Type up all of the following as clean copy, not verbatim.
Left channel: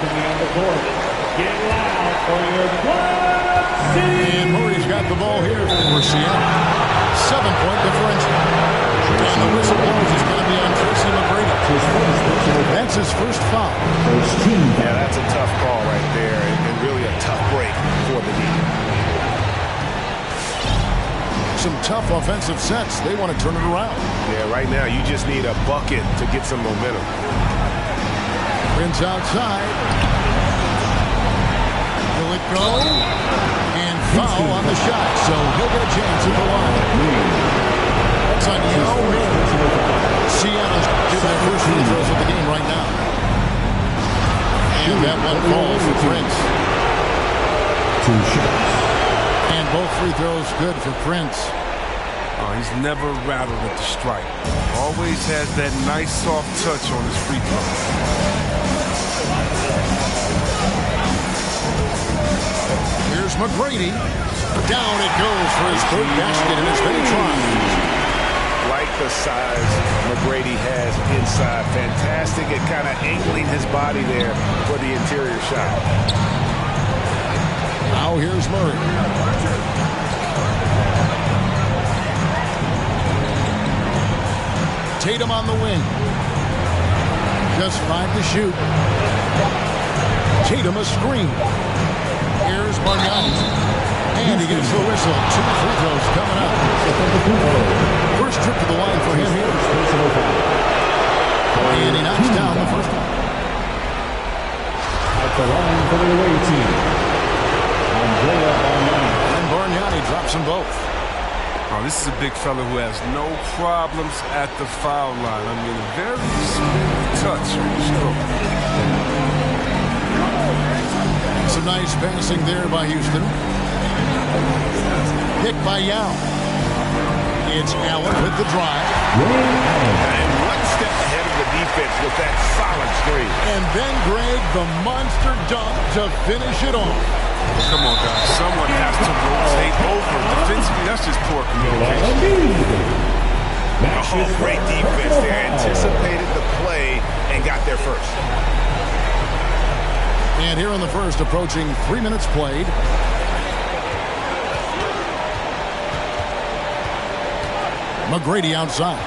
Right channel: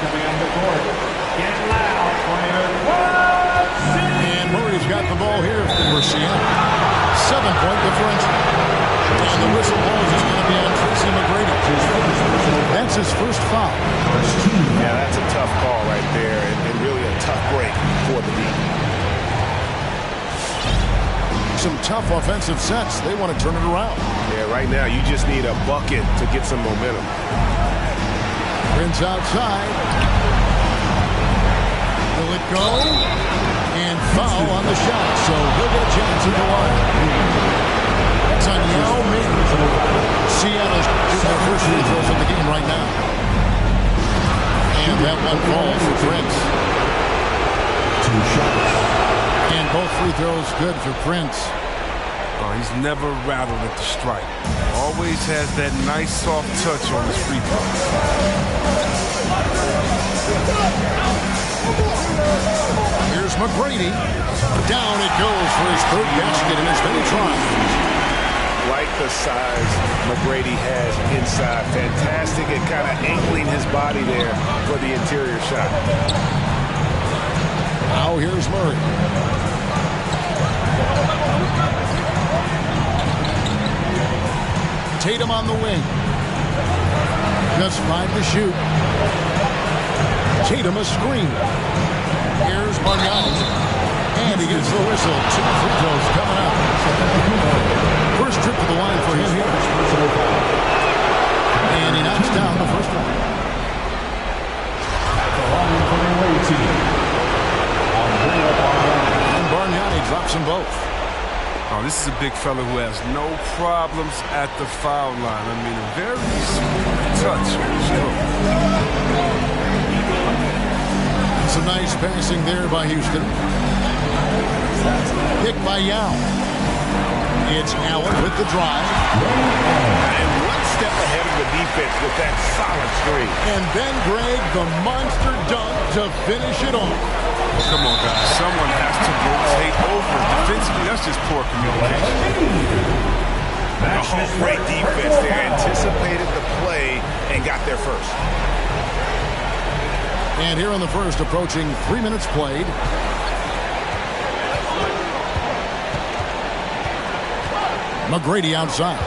coming on the court. Get loud for your club. And Murray's got the ball here for Seattle. 7-point differential. And the whistle blows is going to be on Tracy McGrady. That's his first foul. Yeah, that's a tough call right there, and really a tough break for the D. Some tough offensive sets. They want to turn it around. Yeah, right now you just need a bucket to get some momentum. Prince outside. Will it go? And foul on the shot, so he'll get a chance at the line. That's on Yao Ming. Seattle's shooting their first free throws of the game right now. And that one falls for Prince. 2 shots. And both free throws good for Prince. Oh, he's never rattled at the strike. Always has that nice soft touch on his free throw. Here's McGrady. Down it goes for his third basket in as many tries. Like the size McGrady has inside. Fantastic at kind of angling his body there for the interior shot. Now here's Murray. Tatum on the wing. Just 5 to shoot. Tatum a screen. Here's Bargnani. And he gets the whistle. 2 free throws coming up. First trip to the line for him here. And he knocks down the first one. At the line for the away team, And Bargnani drops them both. Oh, this is a big fella who has no problems at the foul line. I mean, a very smooth touch on the stroke. Some nice passing there by Houston. Picked by Yao. It's Allen with the drive. And one step ahead of the defense with that solid screen. And then Greg, the monster dunk to finish it off. Well, come on, guys. Someone has to rotate over. Defensively, that's just poor communication. Oh, great defense there. Anticipated the play and got there first. And here in the first, approaching 3 minutes played. McGrady outside.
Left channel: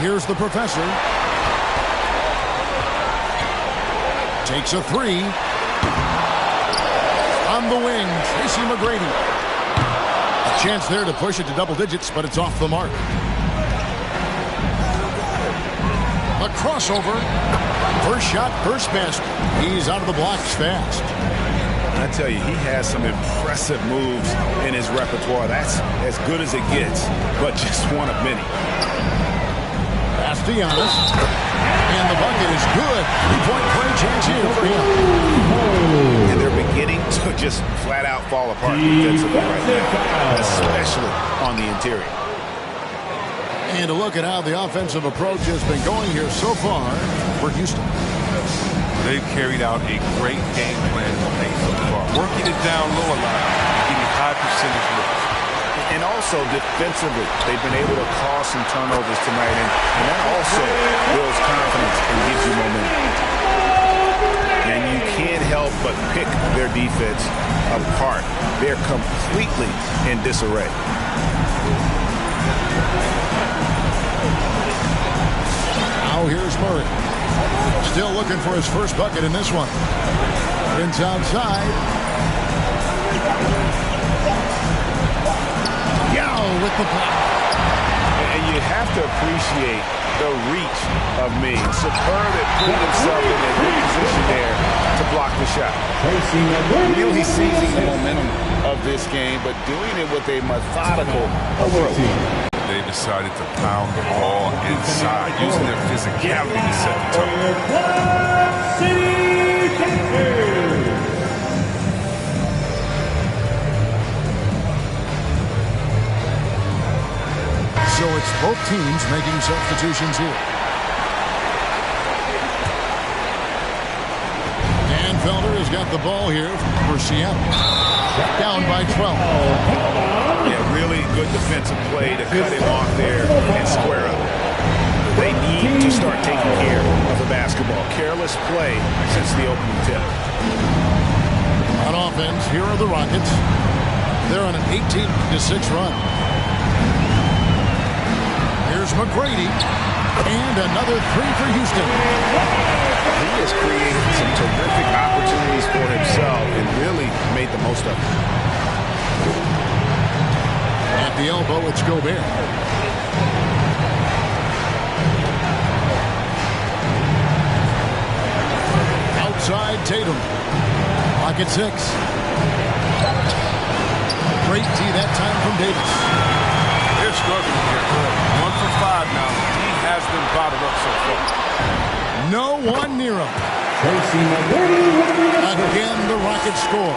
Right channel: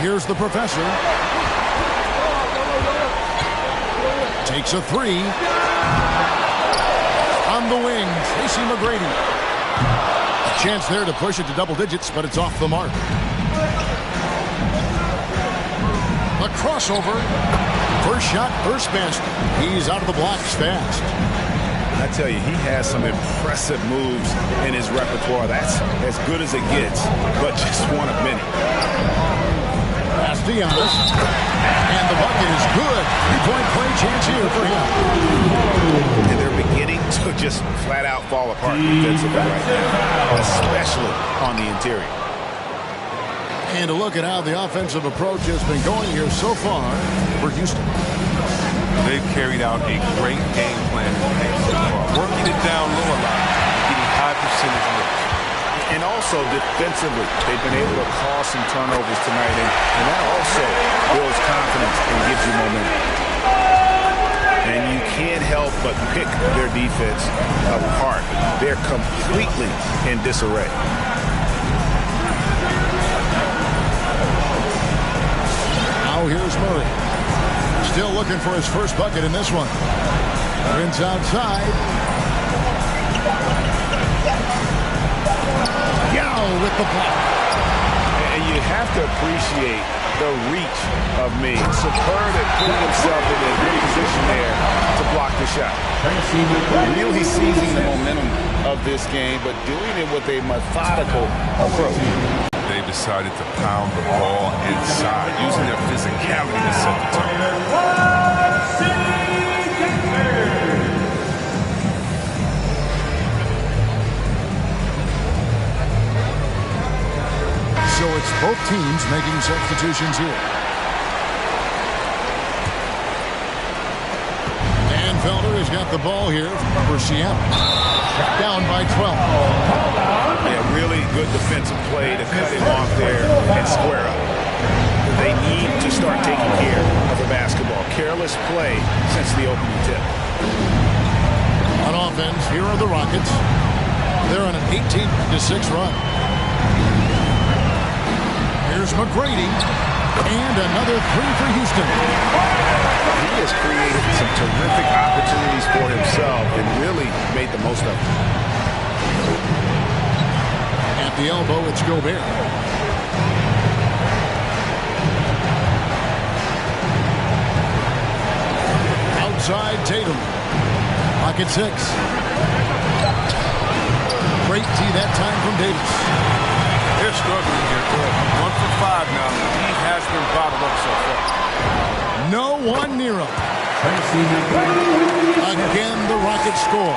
Here's the professor. Takes a 3. On the wing, Tracy McGrady. A chance there to push it to double digits, but it's off the mark. A crossover. First shot, first basket. He's out of the blocks fast. I tell you, he has some impressive moves in his repertoire. That's as good as it gets, but just one of many. Pass to Giannis. And the bucket is good. 3-point play chance here for him. And they're beginning to just flat out fall apart defensively right now, especially on the interior. And to look at how the offensive approach has been going here so far for Houston. They've carried out a great game plan in the paint so far. Working it down low a lot and getting high percentage looks. And also defensively, they've been able to cause some turnovers tonight, and that also builds confidence and gives you momentum. And you can't help but pick their defense apart. They're completely in disarray. Now here's Murray. Still looking for his first bucket in this one. Prince outside. Yao with the block. And you have to appreciate the reach of Ming. Superb at putting himself in a good position there to block the shot. Really seizing the momentum of this game, but doing it with a methodical approach. They decided to pound the ball inside, using their physicality to set the tone. So it's both teams making substitutions here. Dan Felder has got the ball here for Seattle. Down by 12. Yeah, really good defensive play to cut him off there and square up. They need to start taking care of the basketball. Careless play since the opening tip. On offense, here are the Rockets. They're on an 18-6 run. Here's McGrady. And another three for Houston. He has created some terrific opportunities for himself and really made the most of them. At the elbow, it's Gobert. Outside, Tatum. Pocket 6. Great D that time from Davis. They're struggling here early. 1 for 5 now. D has them bottled up so far. No one near him. Again, the Rockets score.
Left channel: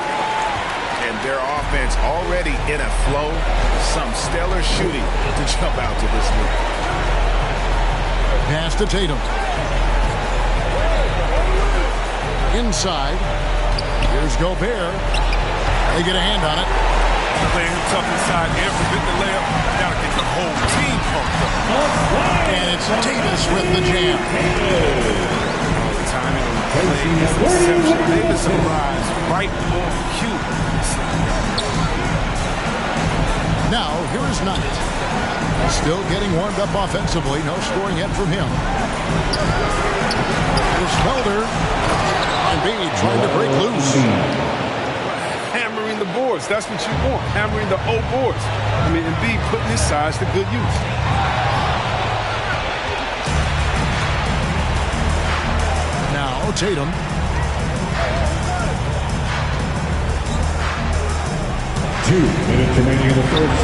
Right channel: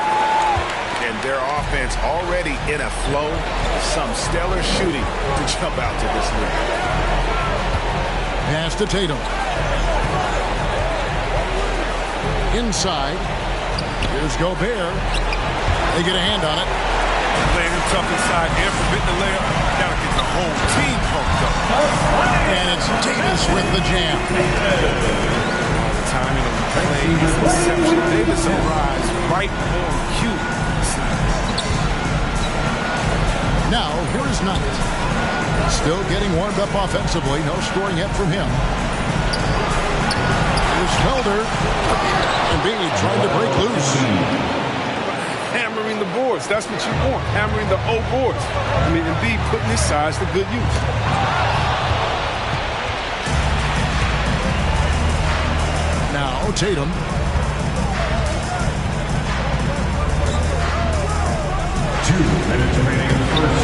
And their offense already in a flow. Some stellar shooting to jump out to this lead. Pass to Tatum. Inside. Here's Gobert. They get a hand on it. Playing him tough inside and forbidden the layup. Gotta get the whole team pumped up. And it's Davis with the jam. All the timing on the play is exceptional. Davis arrives right on cue. Now, here is Knight. Still getting warmed up offensively. No scoring yet from him. Here's Felder. And B trying to break loose. Hammering the boards. That's what you want. Hammering the O boards. I mean, and B putting his size to good use. Now, Tatum. Minutes remaining in the first.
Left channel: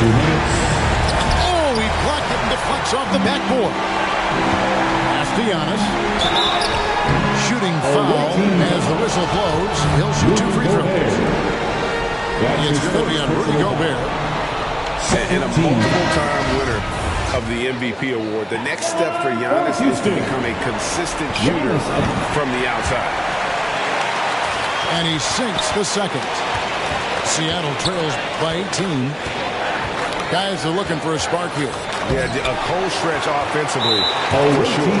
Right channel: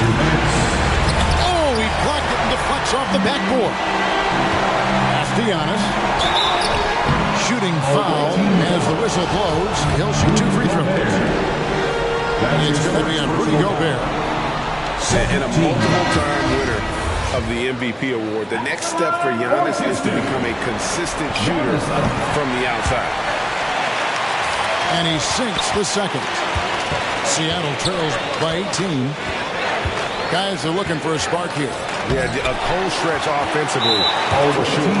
2 minutes. Oh, he blocked it and deflects off the backboard. Pass to Giannis. Shooting foul as the whistle blows. He'll shoot 2 free throws. It's going to be on Rudy Gobert. And a multiple-time winner of the MVP award. The next step for Giannis is to become a consistent shooter from the outside. And he sinks the second. Seattle trails by 18. Guys are looking for a spark here. Yeah, a cold stretch offensively, for sure.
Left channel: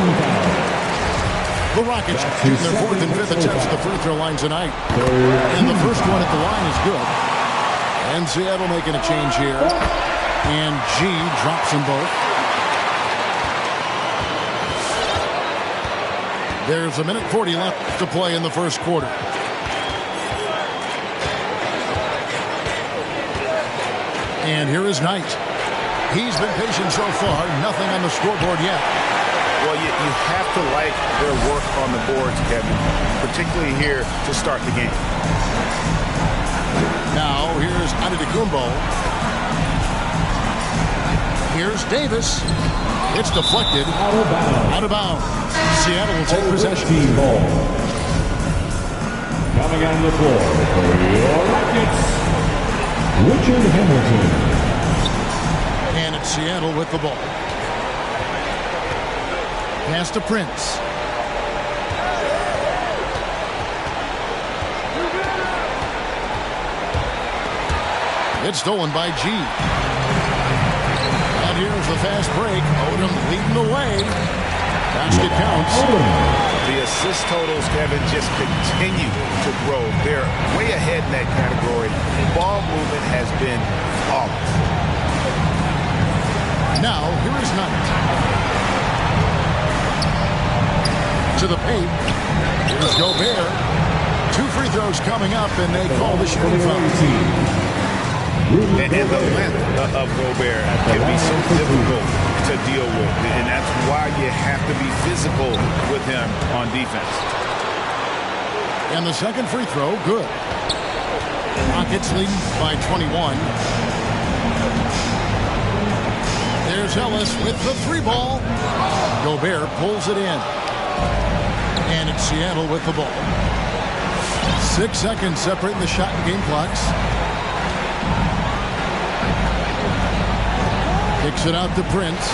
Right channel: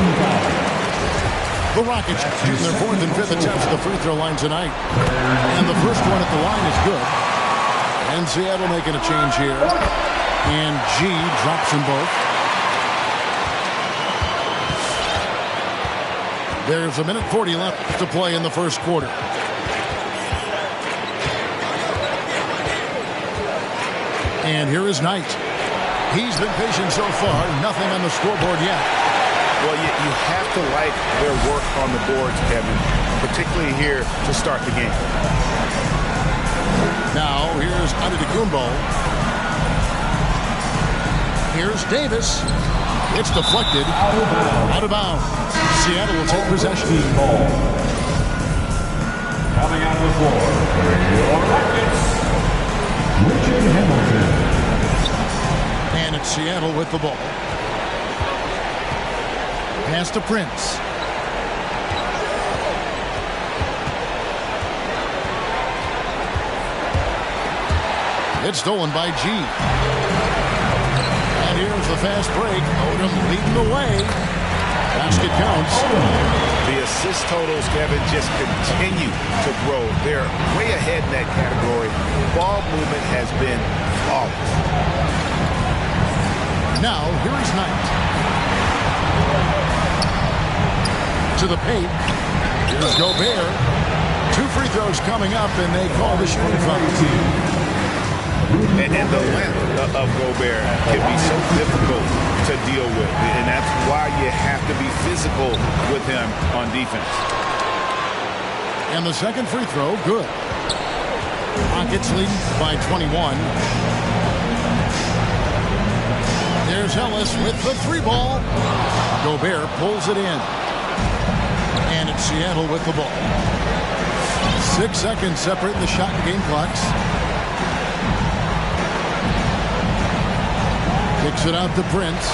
The Rockets shooting their 4th and 5th attempts at the free throw line tonight. And the first one at the line is good. And Seattle making a change here. And G drops them both. There's 1:40 left to play in the first quarter. And here is Knight. He's been patient so far. Nothing on the scoreboard yet. Well, you have to like their work on the boards, Kevin, particularly here to start the game. Now, here's Antetokounmpo. Here's Davis. It's deflected. Out of bounds. Seattle will take possession. Ball. Coming out of the floor for your Rockets, Richard Hamilton. And it's Seattle with the ball. Pass to Prince. It's stolen by G. And here's the fast break. Odom leading the way. Basket counts. The assist totals, Kevin, just continue to grow. They're way ahead in that category. Ball movement has been flawless. Now, here is Knight. To the paint. Here's Gobert. 2 free throws coming up, and they call the shooting foul. And the length of Gobert can be so difficult to deal with. And that's why you have to be physical with him on defense. And the second free throw, good. Rockets leading by 21. There's Ellis with the 3 ball. Gobert pulls it in. And it's Seattle with the ball. 6 seconds separating the shot and game clocks. Kicks it out to Prince.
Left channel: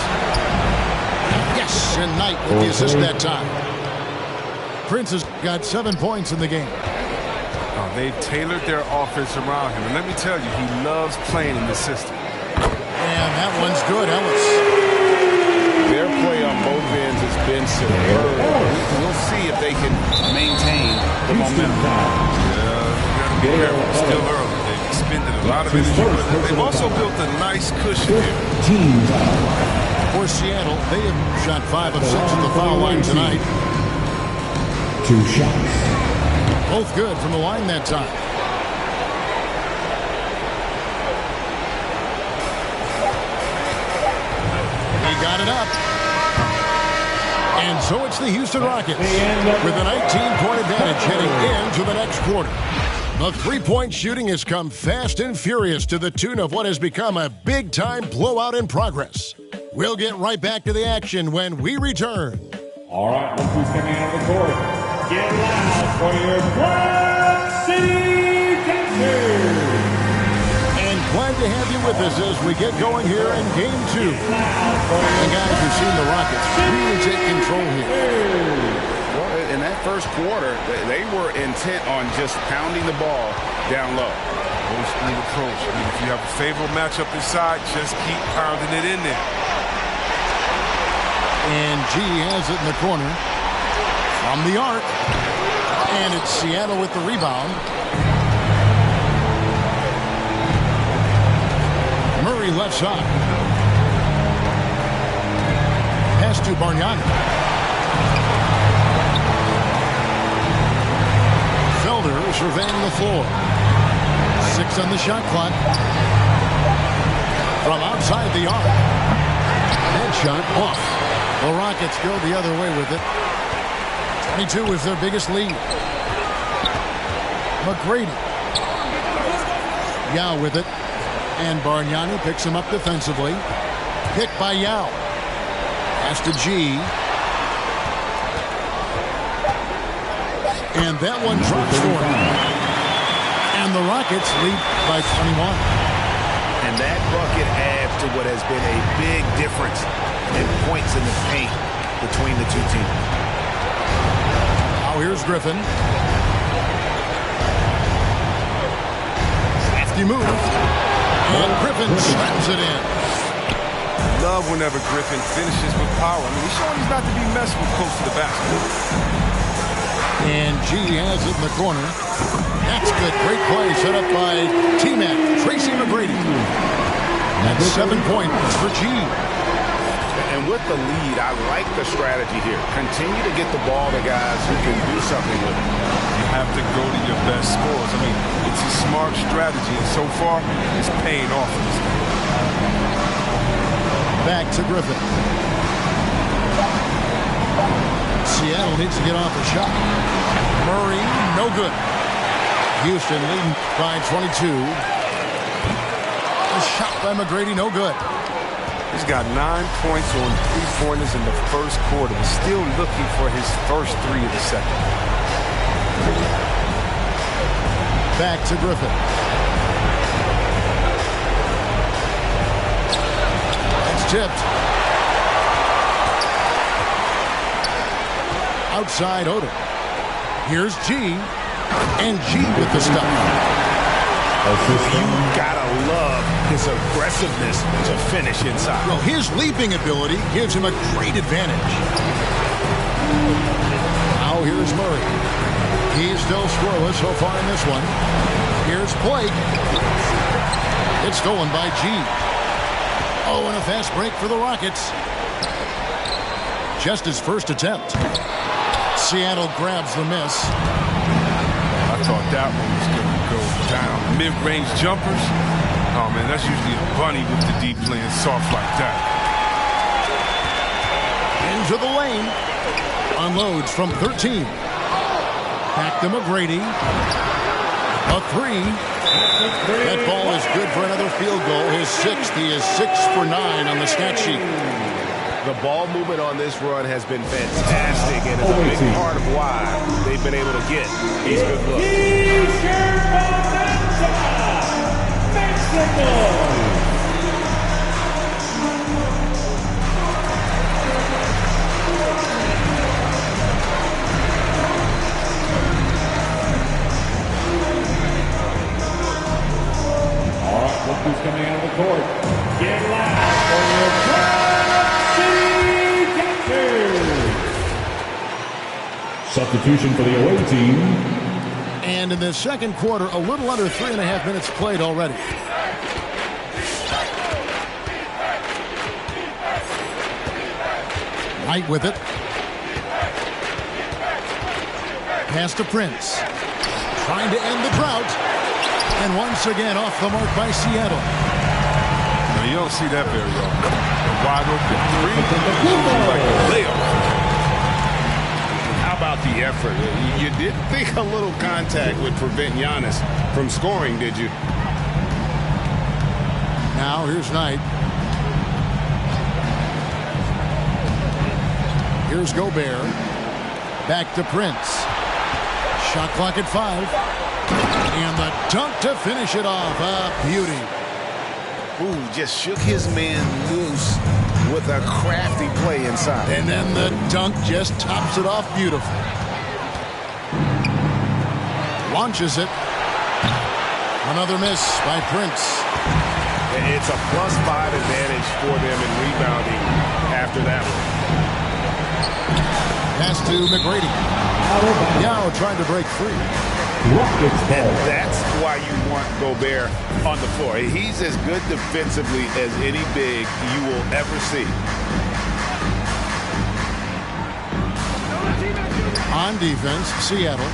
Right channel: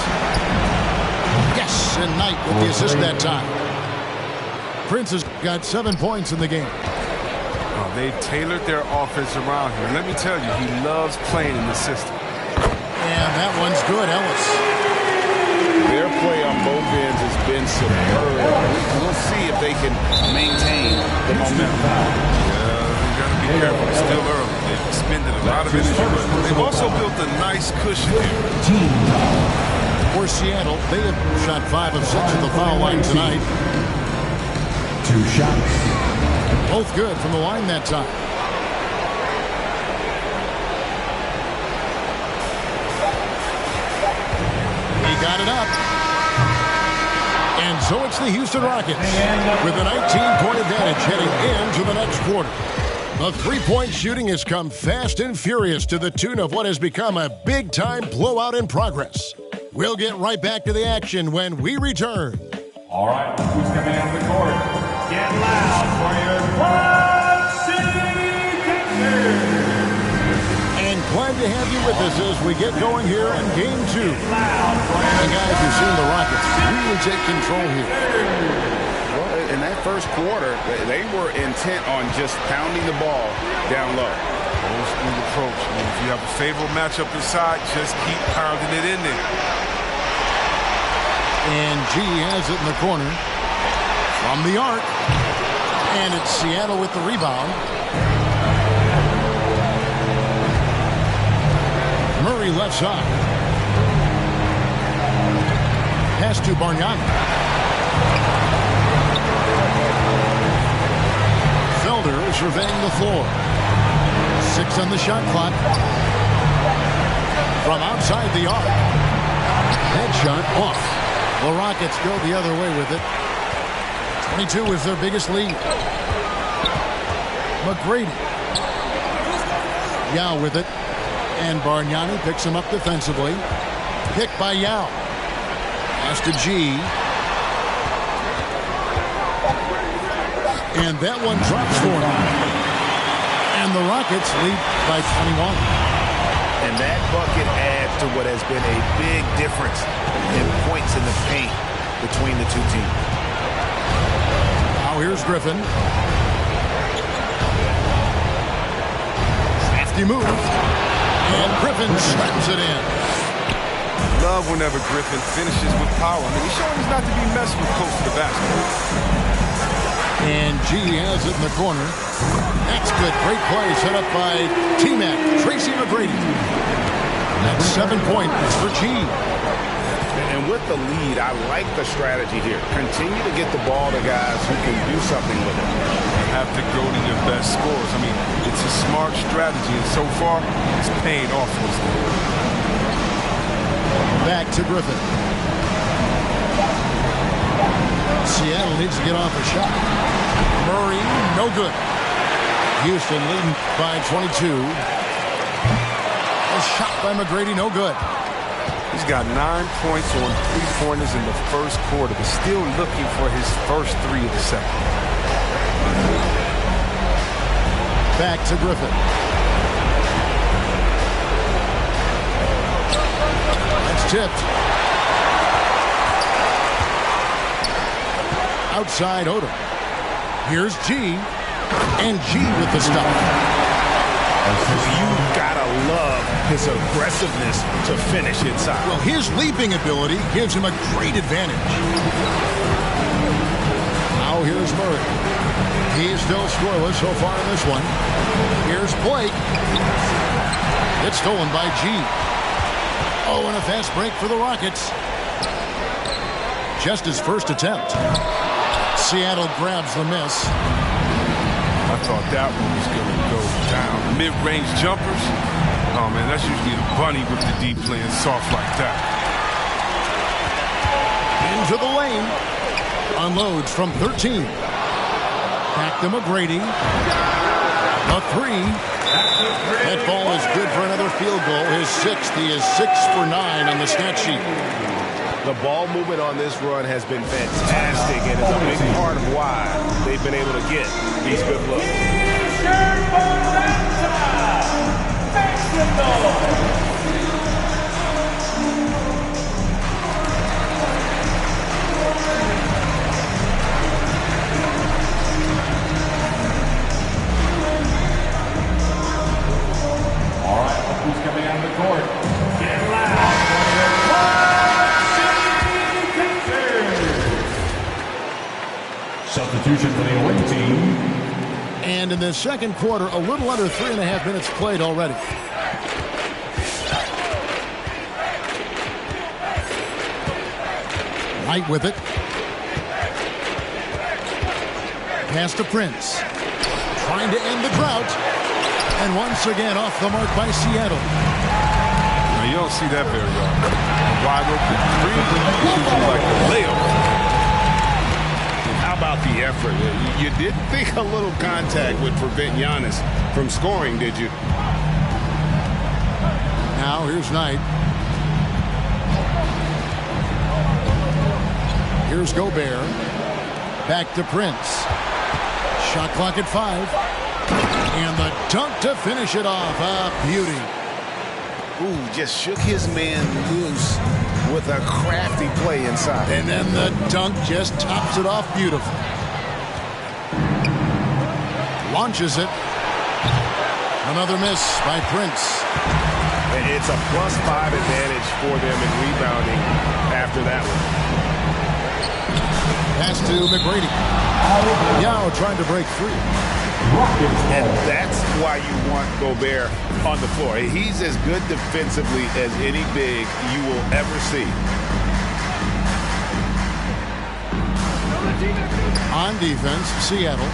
Yes, and Knight with the assist that time. Prince has got 7 points in the game. Oh, they've tailored their offense around him. And let me tell you, he loves playing in this system. And that one's good, Ellis. Their play on both ends has been superb. We'll see if they can maintain the momentum. You got to be careful. It's still early. They've expended a lot of energy, but they've also built a nice cushion here. Team foul. For Seattle, they have shot 5 of 6 at the foul line tonight. 2 shots. Both good from the line that time. He got it up. And so it's the Houston Rockets with a 19-point advantage heading into the next quarter. The three-point shooting has come fast and furious to the tune of what has become a big-time blowout in progress. We'll get right back to the action when we return. All right, look who's coming out of the court. Get loud for your Club City Texans. And glad to have you with us as we get going here in Game 2. And guys, you've seen the Rockets really take control here. Well, in that first quarter, they were intent on just pounding the ball down low. Old school approach. I mean, if you have a favorable matchup inside, just keep pounding it in there. And G has it in the corner from the arc. And it's Seattle with the rebound. Murray left side. Pass to Bargnani. Felder surveying the floor. 6 on the shot clock. From outside the arc. Headshot off. The Rockets go the other way with it. 22 is their biggest lead. McGrady. Yao with it. And Bargnani picks him up defensively. Picked by Yao. Pass to G. And that one drops for him. And the Rockets lead by 21. And that bucket adds to what has been a big difference in points in the paint between the two teams. Now here's Griffin. Crafty move. And Griffin slams it in. Love whenever Griffin finishes with power. I mean, he's showing he's not to be messed with close to the basket. And G has it in the corner. That's good. Great play set up by T-Mac, Tracy McGrady. That's 7 points for G. And with the lead, I like the strategy here. Continue to get the ball to guys who can do something with it. You have to go to your best scorers. I mean, it's a smart strategy, and so far, it's paying off in this game. Back to Griffin. Seattle needs to get off a shot. Murray, no good. Houston leading by 22. A shot by McGrady, no good. He's got 9 points on 3-pointers in the first quarter, but still looking for his first 3 of the second. Back to Griffin. That's tipped. Outside Odom. Here's G. And G with the stop. You gotta love his aggressiveness to finish inside. Well, his leaping ability gives him a great advantage. Now here's Murray. He's still scoreless so far in this one. Here's Blake. It's stolen by G. Oh, and a fast break for the Rockets. Just his first attempt. Seattle grabs the miss. I thought that one was going to go down. Mid-range jumpers. Oh, man, that's usually a bunny with the deep playing soft like that. Into the lane. Unloads from 13. Back to McGrady. A 3. That ball is good for another field goal. His 6th. He is 6 for 9 on the stat sheet. The ball movement on this run has been fantastic, and is a big part of why they've been able to get these good looks. T-shirt momentum. Make some noise. All right, look who's coming out of the court. Get loud for your Club City Texans. Substitution for the away team. And in the second quarter, a little under 3.5 minutes played already. Knight with it. Pass to Prince. Trying to end the drought. And once again off the mark by Seattle. Now you don't see that very often. A wide open three should be like a layup. How about the effort? You didn't think a little contact would prevent Giannis from scoring, did you? Now here's Knight. Here's Gobert. Back to Prince. Shot clock at 5. And the dunk to finish it off. A beauty. Ooh, just shook his man loose with a crafty play inside. And then the dunk just tops it off beautiful. Launches it. Another miss by Prince. It's a +5 advantage for them in rebounding after that one. Pass to McGrady. Yao trying to break free. And that's why you want Gobert on the floor. He's as good defensively as any big you will ever see. On defense, Seattle.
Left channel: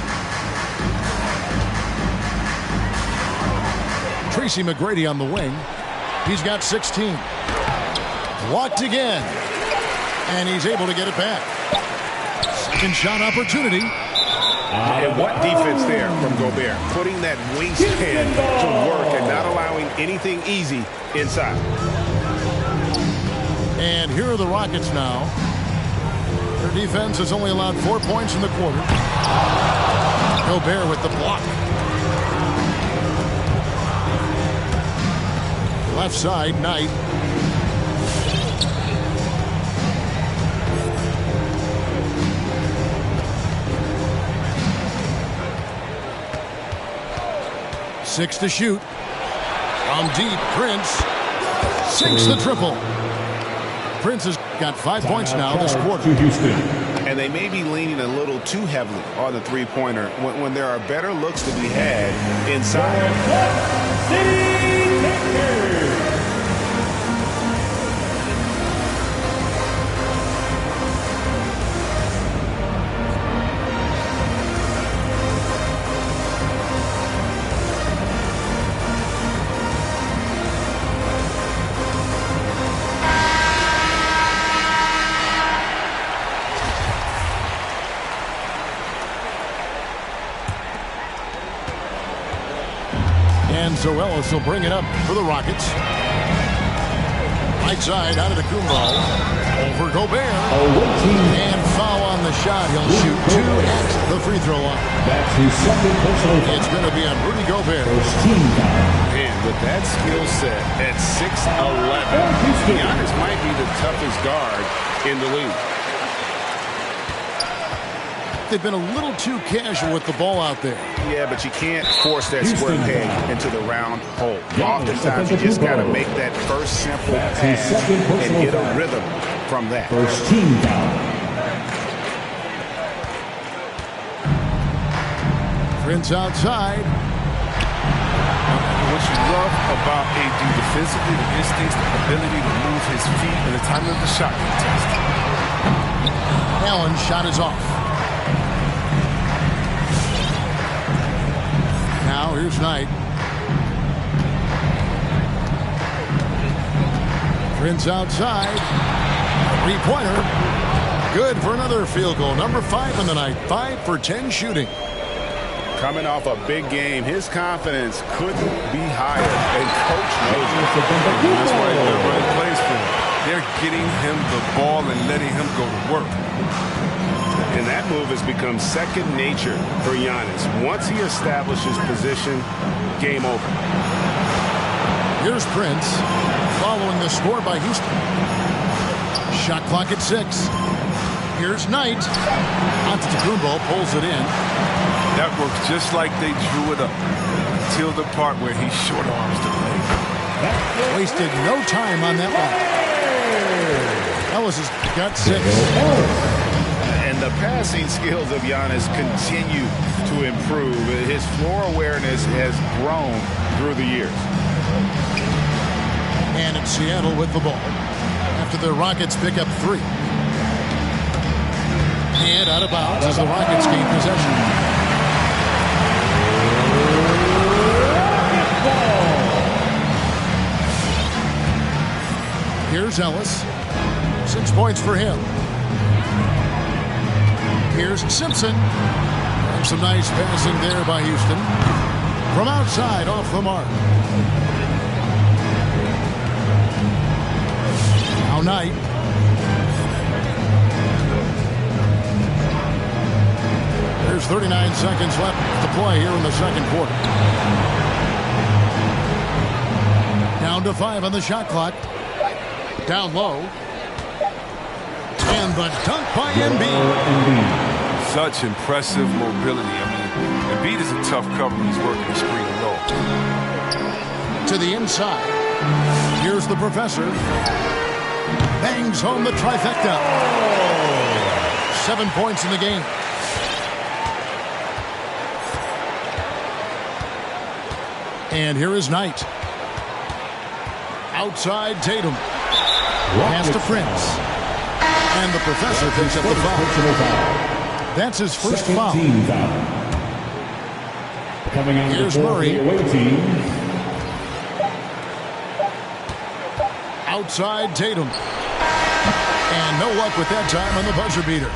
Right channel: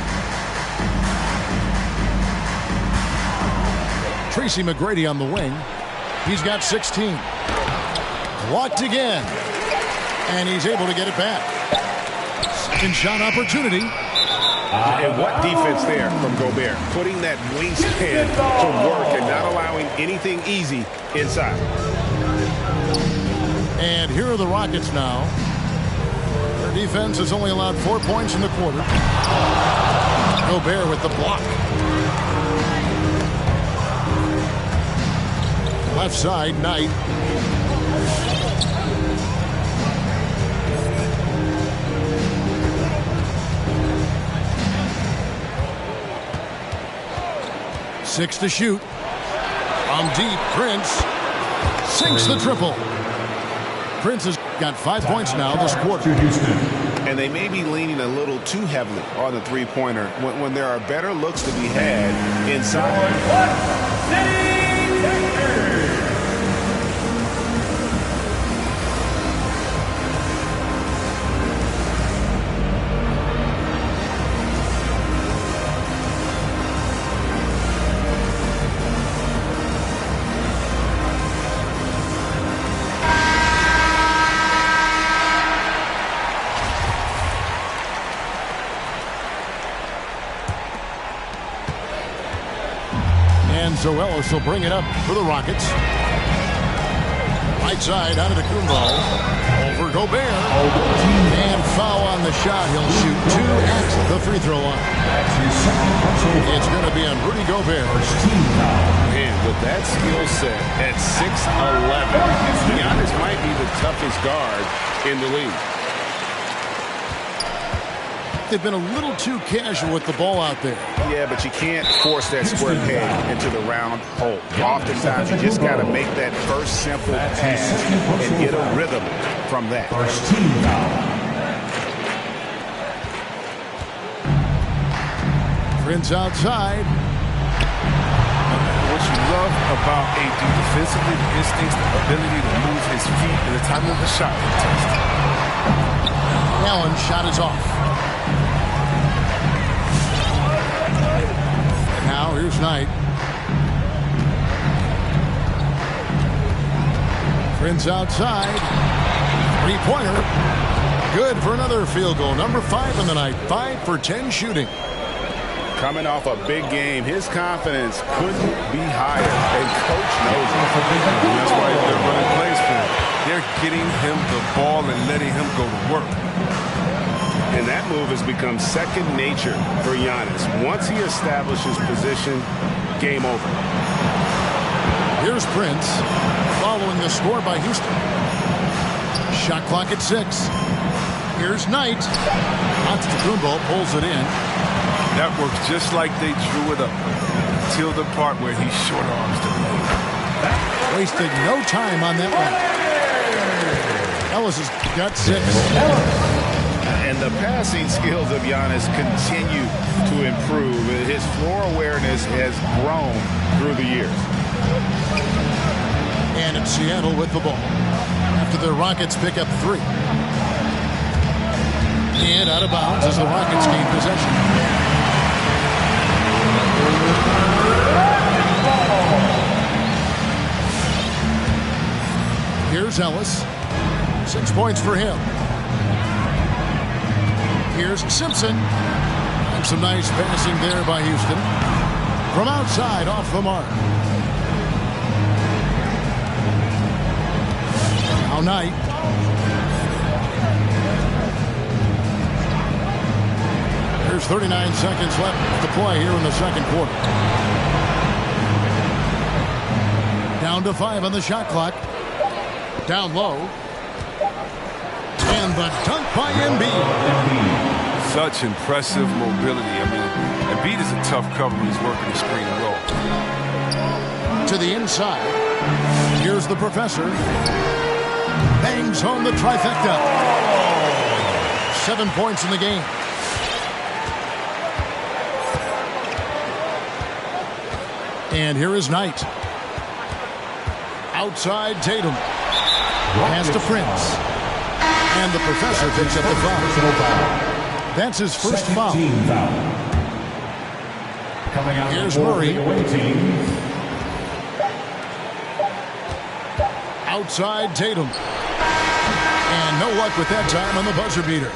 Tracy McGrady on the wing. He's got 16. Blocked again. And he's able to get it back. Second shot opportunity. And what defense there from Gobert. Putting that wingspan to work and not allowing anything easy inside. And here are the Rockets now. Their defense has only allowed 4 points in the quarter. Gobert with the block. Left side, Knight. Six to shoot. From deep, Prince sinks the triple. Prince has got 5 points now this quarter. And they may be leaning a little too heavily on the three-pointer when there are better looks to be had inside. City Texas. And Zoelis will bring it up for the Rockets. Right side, out of the Kumbo. Over Gobert. And foul on the shot. He'll shoot 2 at the free throw line. That's his second personal. It's going to be on Rudy Gobert. First team foul. Man, with that skill set at 6'11", Giannis might be the toughest guard in the league. They've been a little too casual with the ball out there. Yeah, but you can't force that square peg into the round hole. Oftentimes, you just got to make that first simple pass and get a rhythm from that. First team foul. Prince outside. What you love about AD defensively, the instincts, the ability to move his feet, and the timing of the shot contest. Allen's shot is off. Now here's Knight. Prince outside. Three-pointer. Good for another field goal. Number 5 in the night. 5 for 10 shooting. Coming off a big game, his confidence couldn't be higher, and coach knows it. And that's why he's been running plays for him. They're getting him the ball and letting him go to work. And that move has become second nature for Giannis. Once he establishes position, game over. Here's Prince, following the score by Houston. Shot clock at 6. Here's Knight. Antetokounmpo pulls it in. That works just like they drew it up until the part where he short arms the play. Wasted no time on that one. Ellis has got 6. And the passing skills of Giannis continue to improve. His floor awareness has grown through the years. And it's Seattle with the ball after the Rockets pick up 3. And out of bounds as the Rockets gain possession. Here's Ellis. 6 points for him. Here's Simpson. And some nice passing there by Houston. From outside, off the mark. Now Knight. There's 39 seconds left to play here in the second quarter. Down to 5 on the shot clock. Down low. And the dunk by Embiid. Such impressive mobility. I mean, Embiid is a tough cover when he's working the screen and roll. To the inside. Here's the professor. Bangs home the trifecta. 7 points in the game. And here is Knight. Outside Tatum. Pass to Prince. And the professor picks up the foul. That's his first foul. Coming out Here's for Murray. the away team. Outside Tatum. And no luck with that time on the buzzer beater.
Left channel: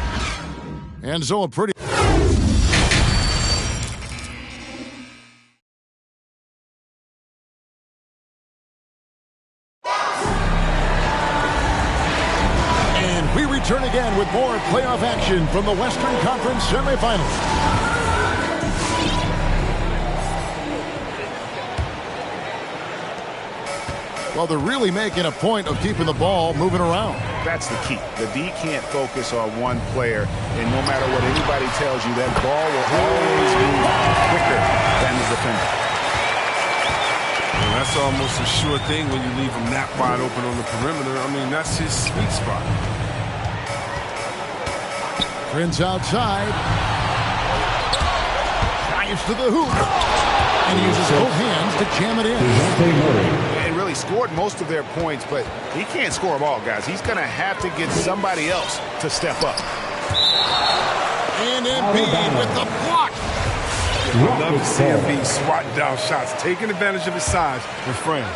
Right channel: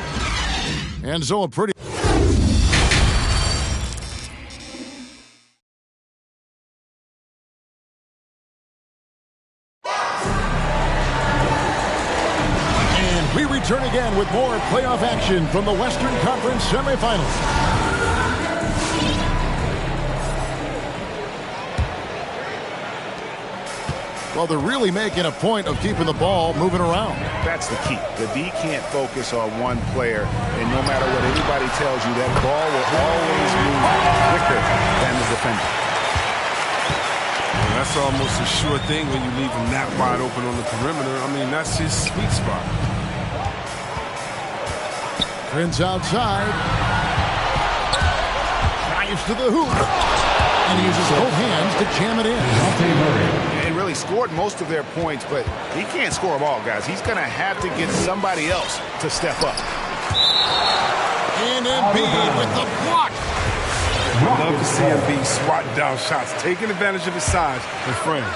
And so a pretty... We return again with more playoff action from the Western Conference semifinals. Well, they're really making a point of keeping the ball moving around. That's the key. The D can't focus on one player, and no matter what anybody tells you, that ball will always move quicker than the defender. Well, that's almost a sure thing when you leave him that wide open on the perimeter. I mean, that's his sweet spot. Prince outside. Drives to the hoop. And he uses both hands to jam it in. And really scored most of their points, but he can't score them all, guys. He's going to have to get somebody else to step up. And Embiid with the block. I love to see Embiid swatting down shots, taking advantage of his size and frame.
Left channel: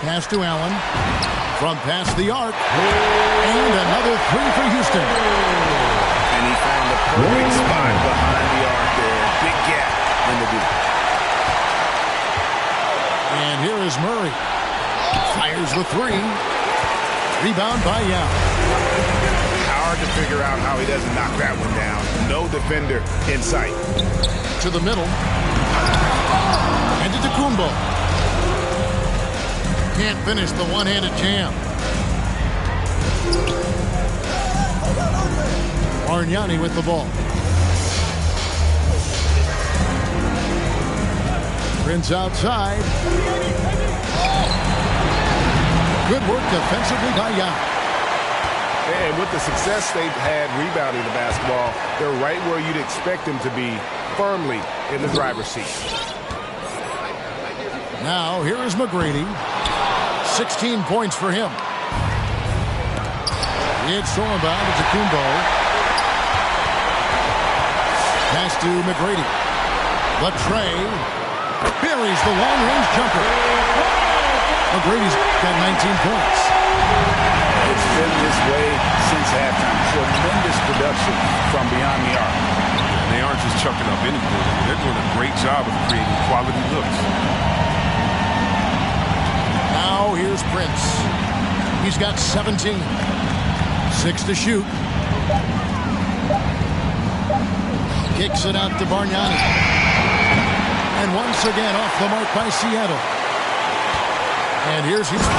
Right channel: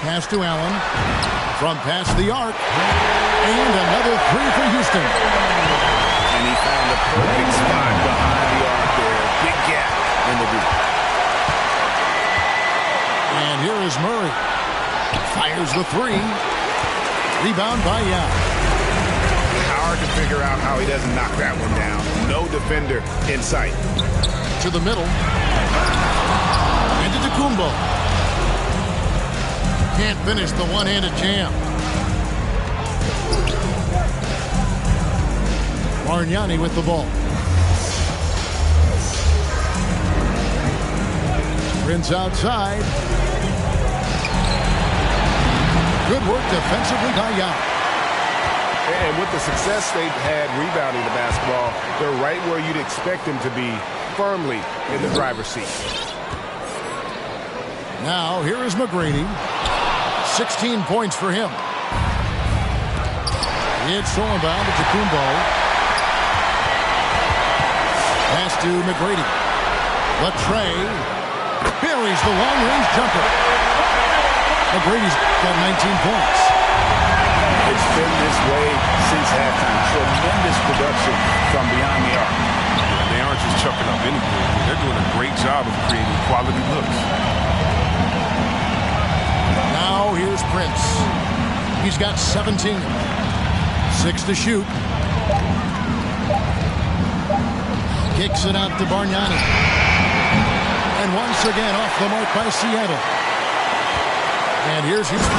Pass to Allen. From past the arc. And another 3 for Houston. And he found a perfect spot behind the arc there. Big gap in the deep. And here is Murray. Fires the 3. Rebound by Yao. Hard to figure out how he doesn't knock that one down. No defender in sight. To the middle. And to Kumbo. Can't finish the one-handed jam. Bargnani with the ball. Prince outside. Good work defensively by Yao. And with the success they've had rebounding the basketball, they're right where you'd expect them to be, firmly in the driver's seat. Now, here is McGrady. 16 points for him. It's stolen by Kumbo. Pass to McGrady. Latrey buries the long-range jumper. McGrady's got 19 points. It's been this way since halftime. Tremendous production from beyond the arc. Yeah, they aren't just chucking up anything. They're doing a great job of creating quality looks. Now here's Prince. He's got 17. 6 to shoot. Kicks it out to Bargnani. And once again off the mark by Seattle. And here's Houston.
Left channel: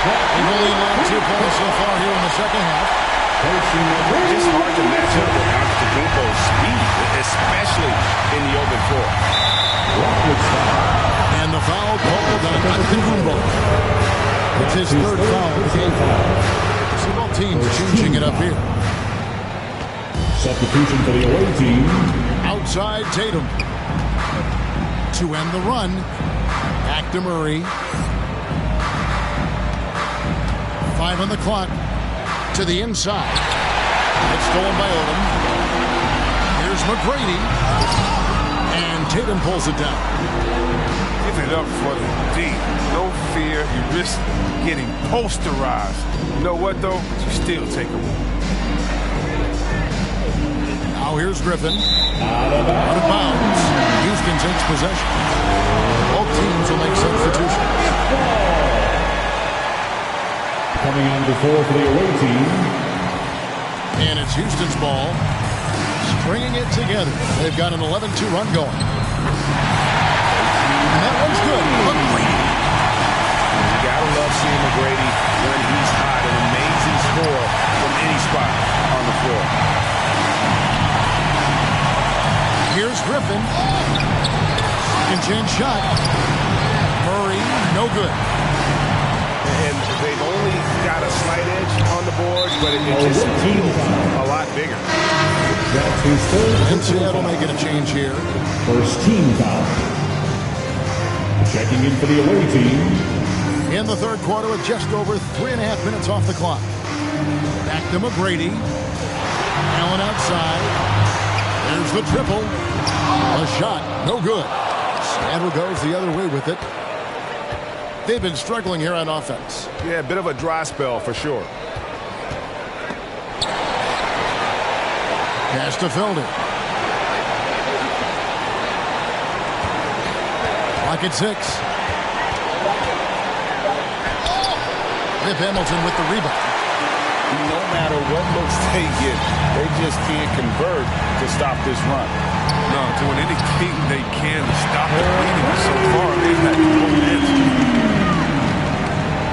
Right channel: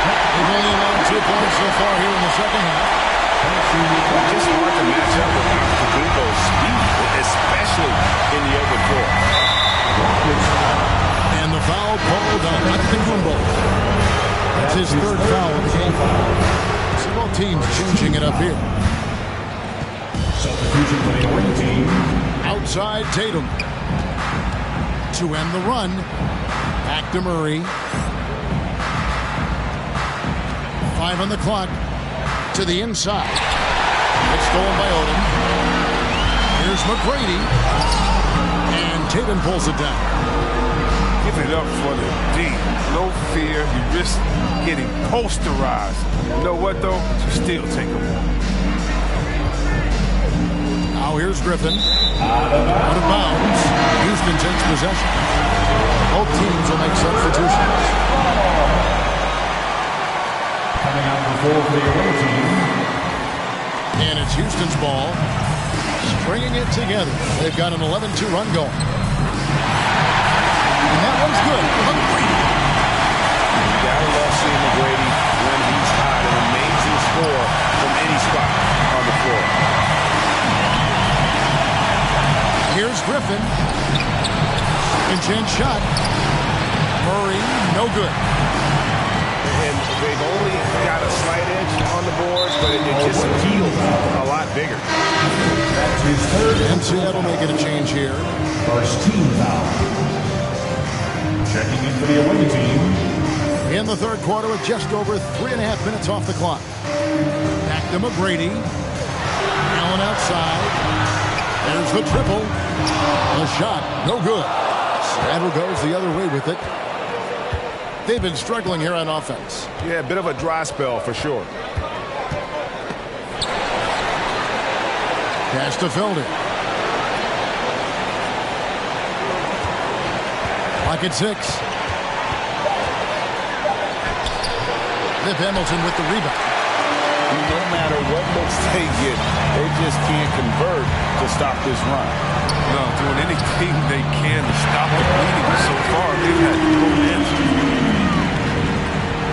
They've only allowed 2 points so far here in the second half. Just hard to match up with Antetokounmpo's speed, especially in the open floor. And the foul called on Antetokounmpo. That's his third foul of the game. So both teams changing it up here. Substitution for the away team. Outside Tatum. To end the run. Back to Murray. 5 on the clock. To the inside. It's stolen by Odom. Here's McGrady. And Tatum pulls it down. Give it up for the D. No fear. You risk getting posterized. You know what, though? You still take them on. Now here's Griffin. Out of bounds. Houston takes possession. Both teams will make substitutions. Coming on the floor for the away team. And it's Houston's ball. Stringing it together. They've got an 11-2 run going. And that one's good. McGrady. You gotta love seeing McGrady when he's hot. An amazing score from any spot on the floor. Here's Griffin. Second chance shot. Murray, no good. And they've only got a slight edge on the boards, but it just feels a lot bigger. That's his third. And Seattle making a change here. First team foul. Checking in for the away team. In the third quarter with just over 3.5 minutes off the clock. Back to McGrady. Allen outside. There's the triple. A shot, no good. Seattle goes the other way with it. They've been struggling here on offense. Yeah, a bit of a dry spell for sure. Pass to Felder. Clock at 6. Rip Hamilton with the rebound. No matter what looks they get, they just can't convert to stop this run. No, doing anything they can to stop the bleeding. So far, they've had no answers.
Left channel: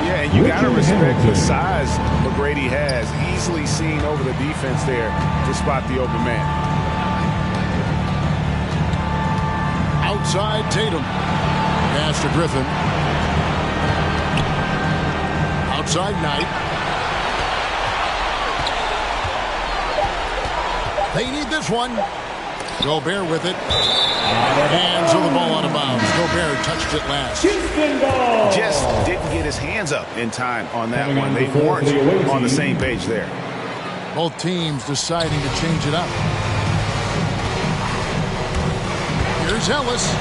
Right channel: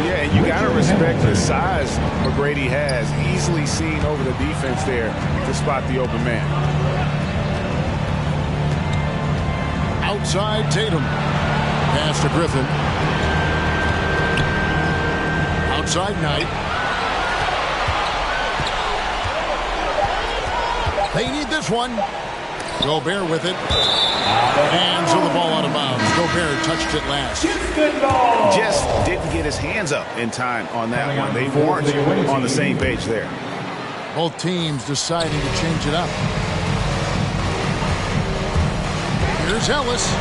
Yeah, and you got to respect the size McGrady has. Easily seen over the defense there to spot the open man. Outside Tatum. Pass to Griffin. Outside Knight. They need this one. Gobert with it. And so the ball out of bounds. Gobert touched it last. Just didn't get his hands up in time on that one. They weren't on the same page there. Both teams deciding to change it up. Here's Ellis.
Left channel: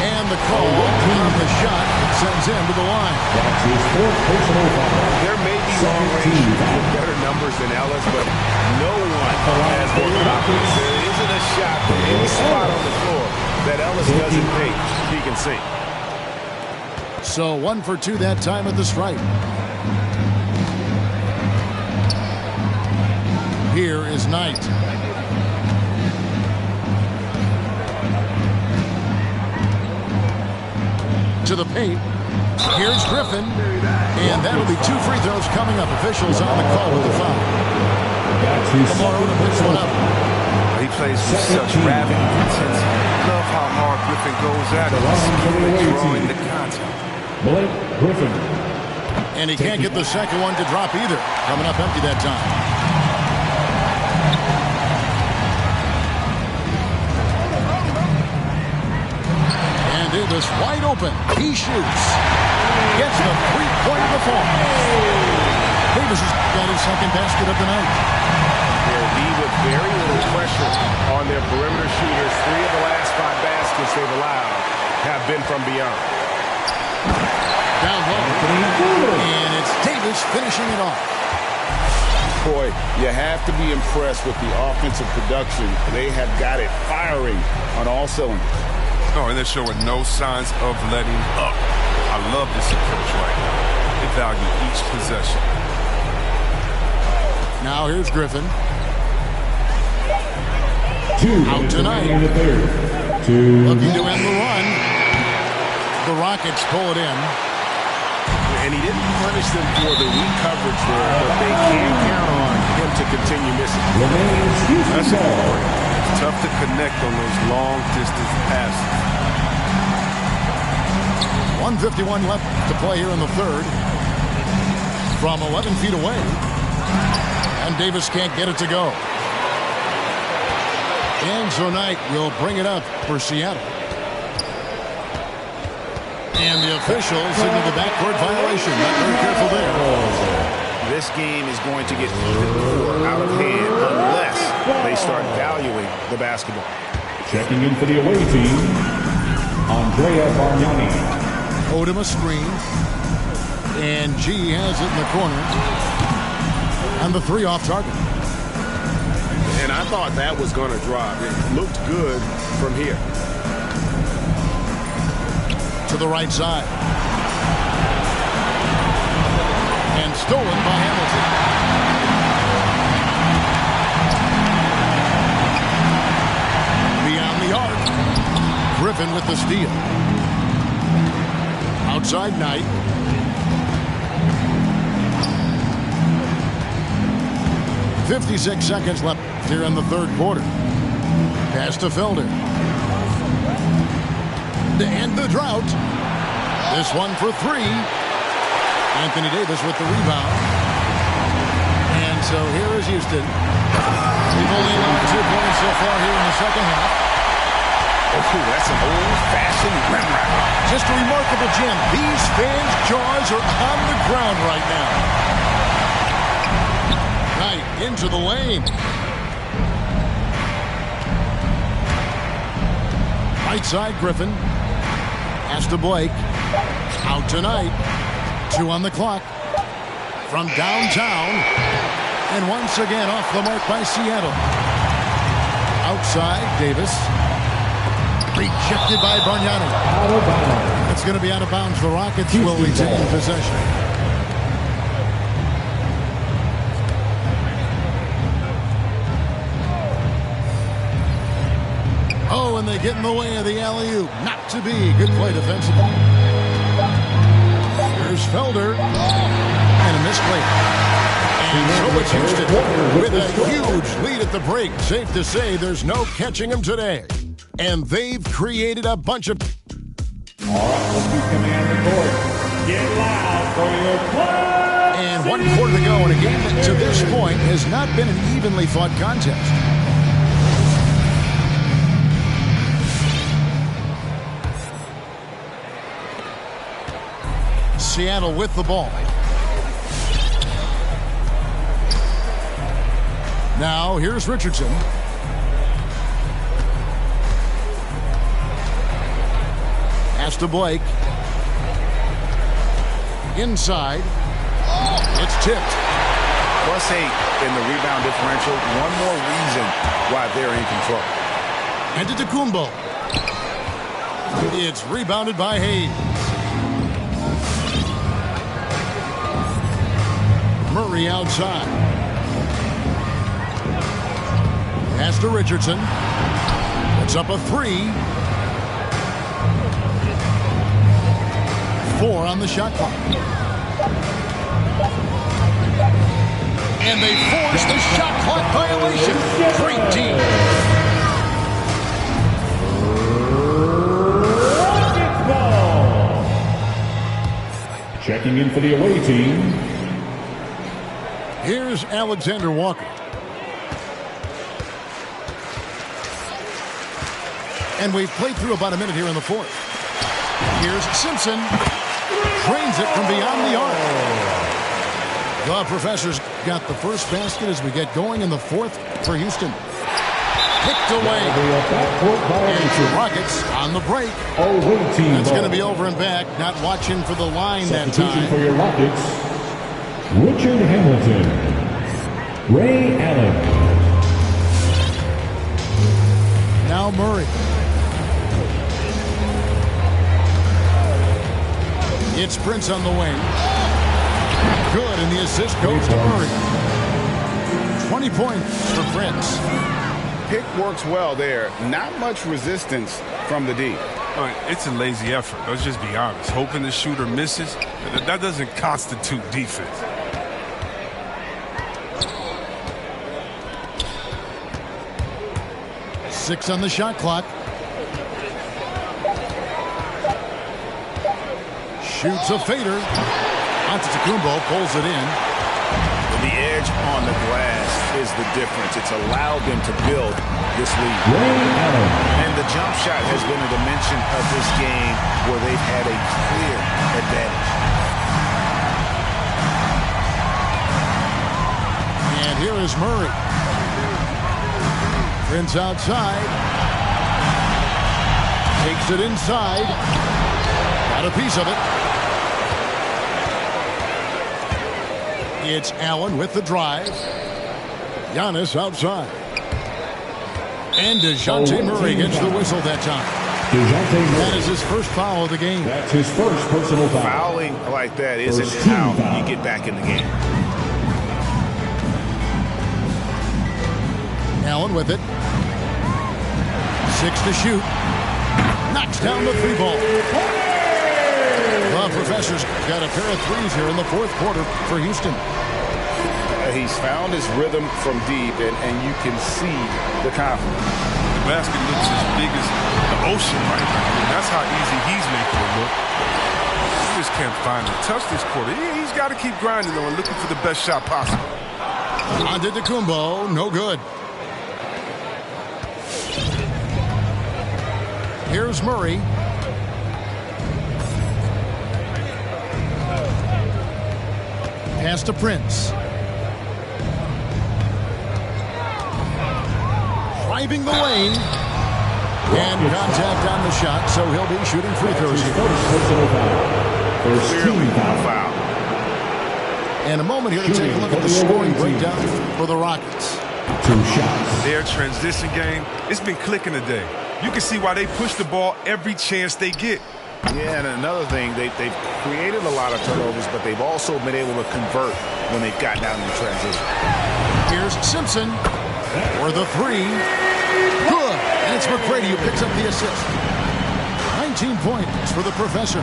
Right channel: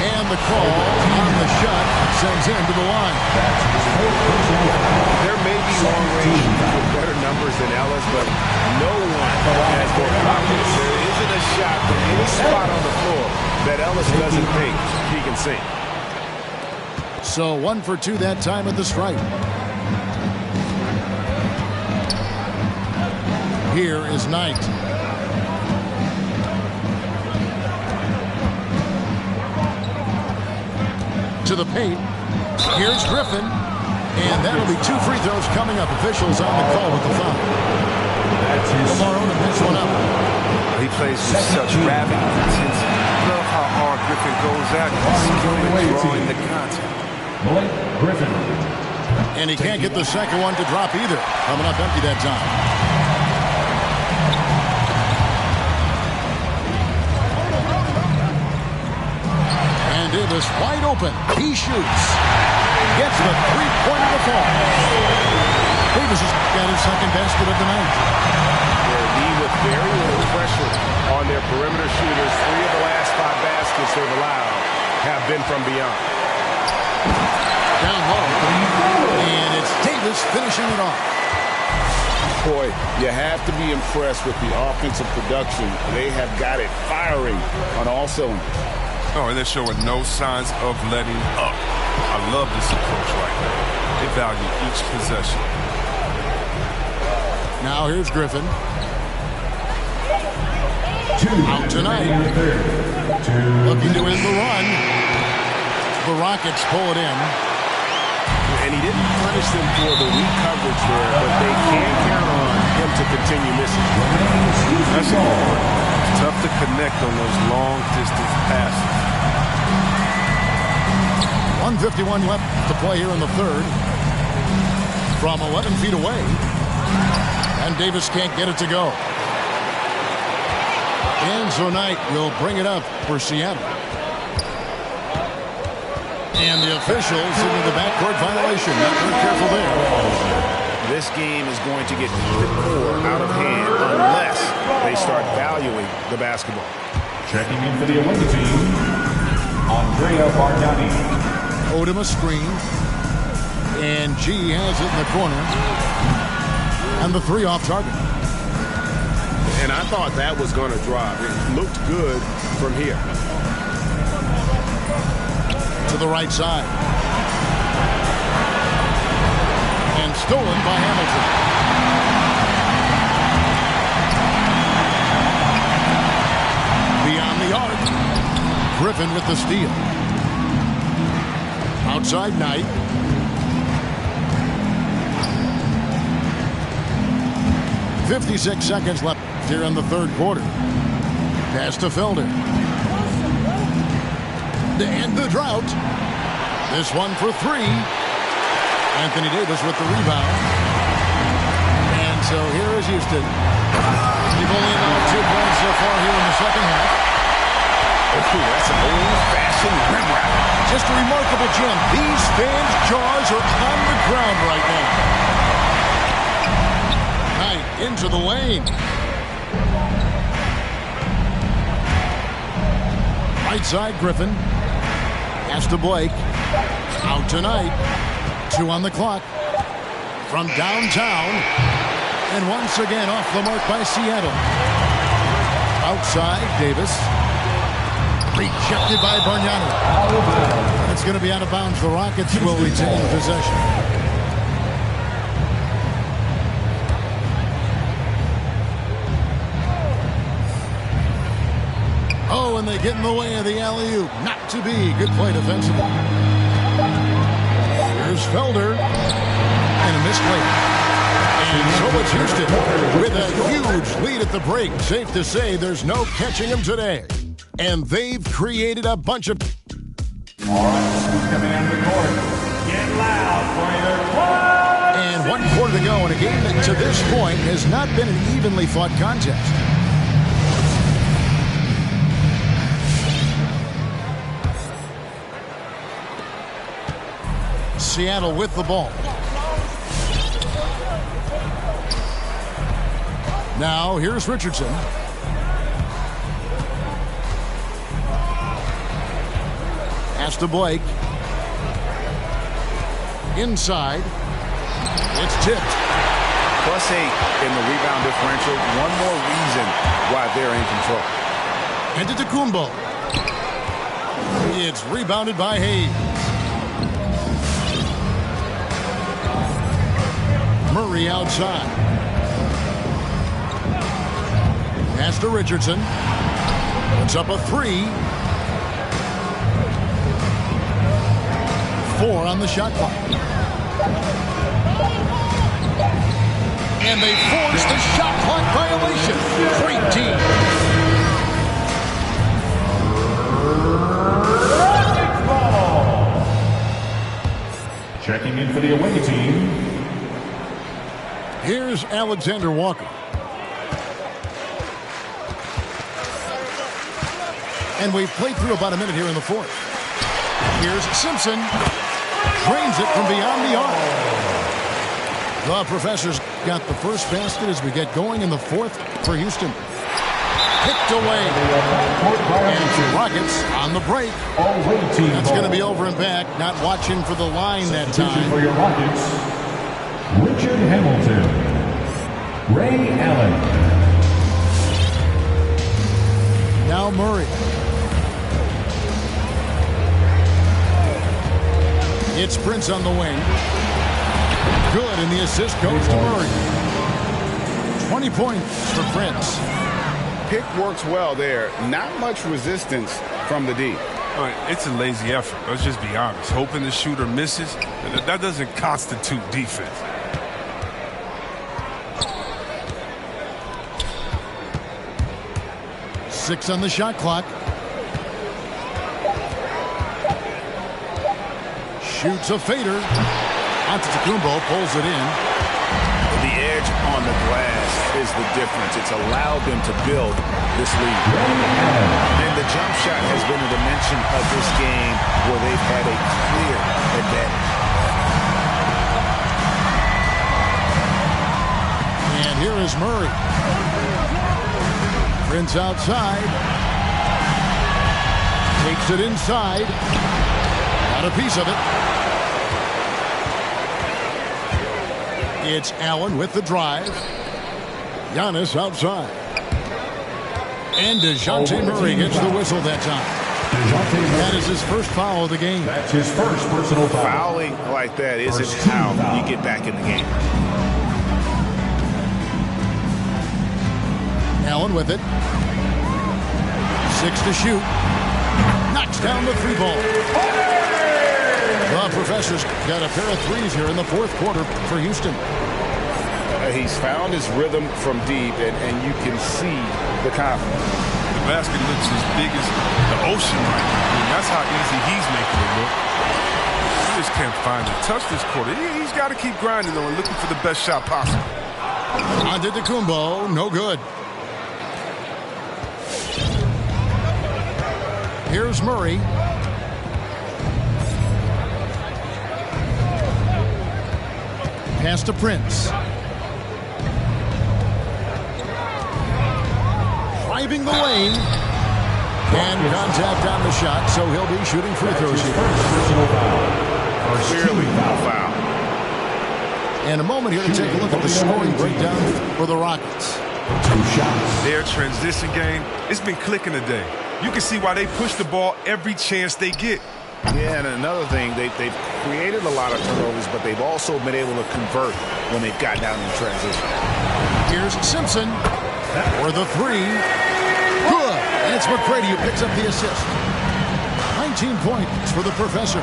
And the call on the shot that sends him to the line. That's his fourth personal foul. There may be long-range shooters with better numbers than Ellis, but no one has more confidence. There isn't a shot from any spot on the floor that Ellis doesn't think he can sink. So 1 for 2 that time at the stripe. Here is Knight. To the paint. Here's Griffin. And that'll be 2 free throws coming up. Officials on the call with the foul. Lamar Odom picks one up. He plays with such rapid intensity. Love how hard Griffin goes at it. He's drawing the contact. Blake Griffin. And he can't get the second one to drop either. Coming up empty that time. And Davis wide open. He shoots. Gets the three-pointer to fall. Davis has got his second basket of the night. They'll be with very little pressure on their perimeter shooters. 3 of the last 5 baskets they've allowed have been from beyond. Down low. And it's Davis finishing it off. Boy, you have to be impressed with the offensive production. They have got it firing on all cylinders. Oh, and they're showing no signs of letting up. I love this approach right now. They value each possession. Now here's Griffin. Out tonight. Looking to end the run. The Rockets pull it in. And he didn't punish them for the weak coverage there, but they can count on him to continue missing. That's a good break. It's tough to connect on those long-distance passes. 1:51 left to play here in the third. From 11 feet away. And Davis can't get it to go. And so Knight will bring it up for Seattle. And the officials signal the backcourt violation. Not very careful there. This game is going to get even more out of hand unless they start valuing the basketball. Checking in for the away team, Andrea Bargnani. Odom a screen. And G has it in the corner. And the three off target. And I thought that was going to drop. It looked good from here. To the right side. And stolen by Hamilton. Beyond the arc. Griffin with the steal. Outside Knight. .56 seconds left here in the third quarter. Pass to Felder. To end the drought. This one for three. Anthony Davis with the rebound. And so here is Houston. They've only allowed 2 points so far here in the second half. Oh, that's an old-fashioned rim wrap. Just a remarkable gem. These fans' jaws are on the ground right now. Knight into the lane. Right side, Griffin. Pass to Blake. Out tonight. 2 on the clock. From downtown. And once again off the mark by Seattle. Outside, Davis. Rejected by Bargnani. Out of bounds. That's going to be out of bounds. The Rockets will retain possession. Oh, and they get in the way of the alley-oop. Not to be. Good play defensively. Here's Felder. And a missed layup. And so it's Houston with a huge lead at the break. Safe to say there's no catching them today. And they've created a bunch of... All right, let's be command the court. Get loud for your club. And 1 quarter to go in a game that to this point has not been an evenly fought contest. Seattle with the ball. Now here's Richardson. Pass to Blake. Inside. It's tipped. +8 in the rebound differential. One more reason why they're in control. And to Tacumbo. It's rebounded by Hayes. Murray outside. Pass to Richardson. Puts up a 3. 4 on the shot clock. And they force the shot clock violation. Great team. Ball. Checking in for the away team, Here's Alexander Walker. And we've played through about a minute here in the fourth. Here's Simpson. Drains it from beyond the arc. The Professors got the first basket as we get going in the fourth for Houston. Picked away. And the Rockets on the break. away team. That's ball. going to be over and back. Not watching for the line that Substitution time. for your Rockets, Richard Hamilton, Ray Allen. Now Murray. It's Prince on the wing. Good, and the assist goes to Murray. 20 points for Prince. Pick works well there. Not much resistance from the D. All right, it's a lazy effort. Let's just be honest. Hoping the shooter misses, that doesn't constitute defense. Six on the shot clock. Shoots a fader. Antetokounmpo pulls it in. The air edge on the glass is the difference. It's allowed them to build this lead. And the jump shot has been a dimension of this game where they've had a clear advantage. And here is Murray. Prince outside. Takes it inside. Got a piece of it. It's Allen with the drive. Giannis outside. And DeJounte Murray gets the whistle that time. That is his first foul of the game. That's his first personal foul. Fouling like that isn't how you get back in the game. Allen with it. 6 to shoot. Knocks down the 3 ball. The Professor's got a pair of threes here in the fourth quarter for Houston. He's found his rhythm from deep, and you can see the confidence. The basket looks as big as the ocean right now. I mean, that's how easy he's making it look. He just can't find the touch this quarter. He's got to keep grinding, though, and looking for the best shot possible. Antetokounmpo, no good. Here's Murray. Pass to Prince. Driving the lane. And contact on the shot, so he'll be shooting free throws here. First personal foul. First Clearly team a foul. foul. And a moment here to take a look at the scoring breakdown for the Rockets. 2 shots. Their transition game, it's been clicking today. You can see why they push the ball every chance they get. Yeah, and another thing, they've created a lot of turnovers, but they've also been able to convert when they've gotten down in transition. Here's Simpson for the 3. Good. And it's McGrady who picks up the assist. 19 points for the Professor.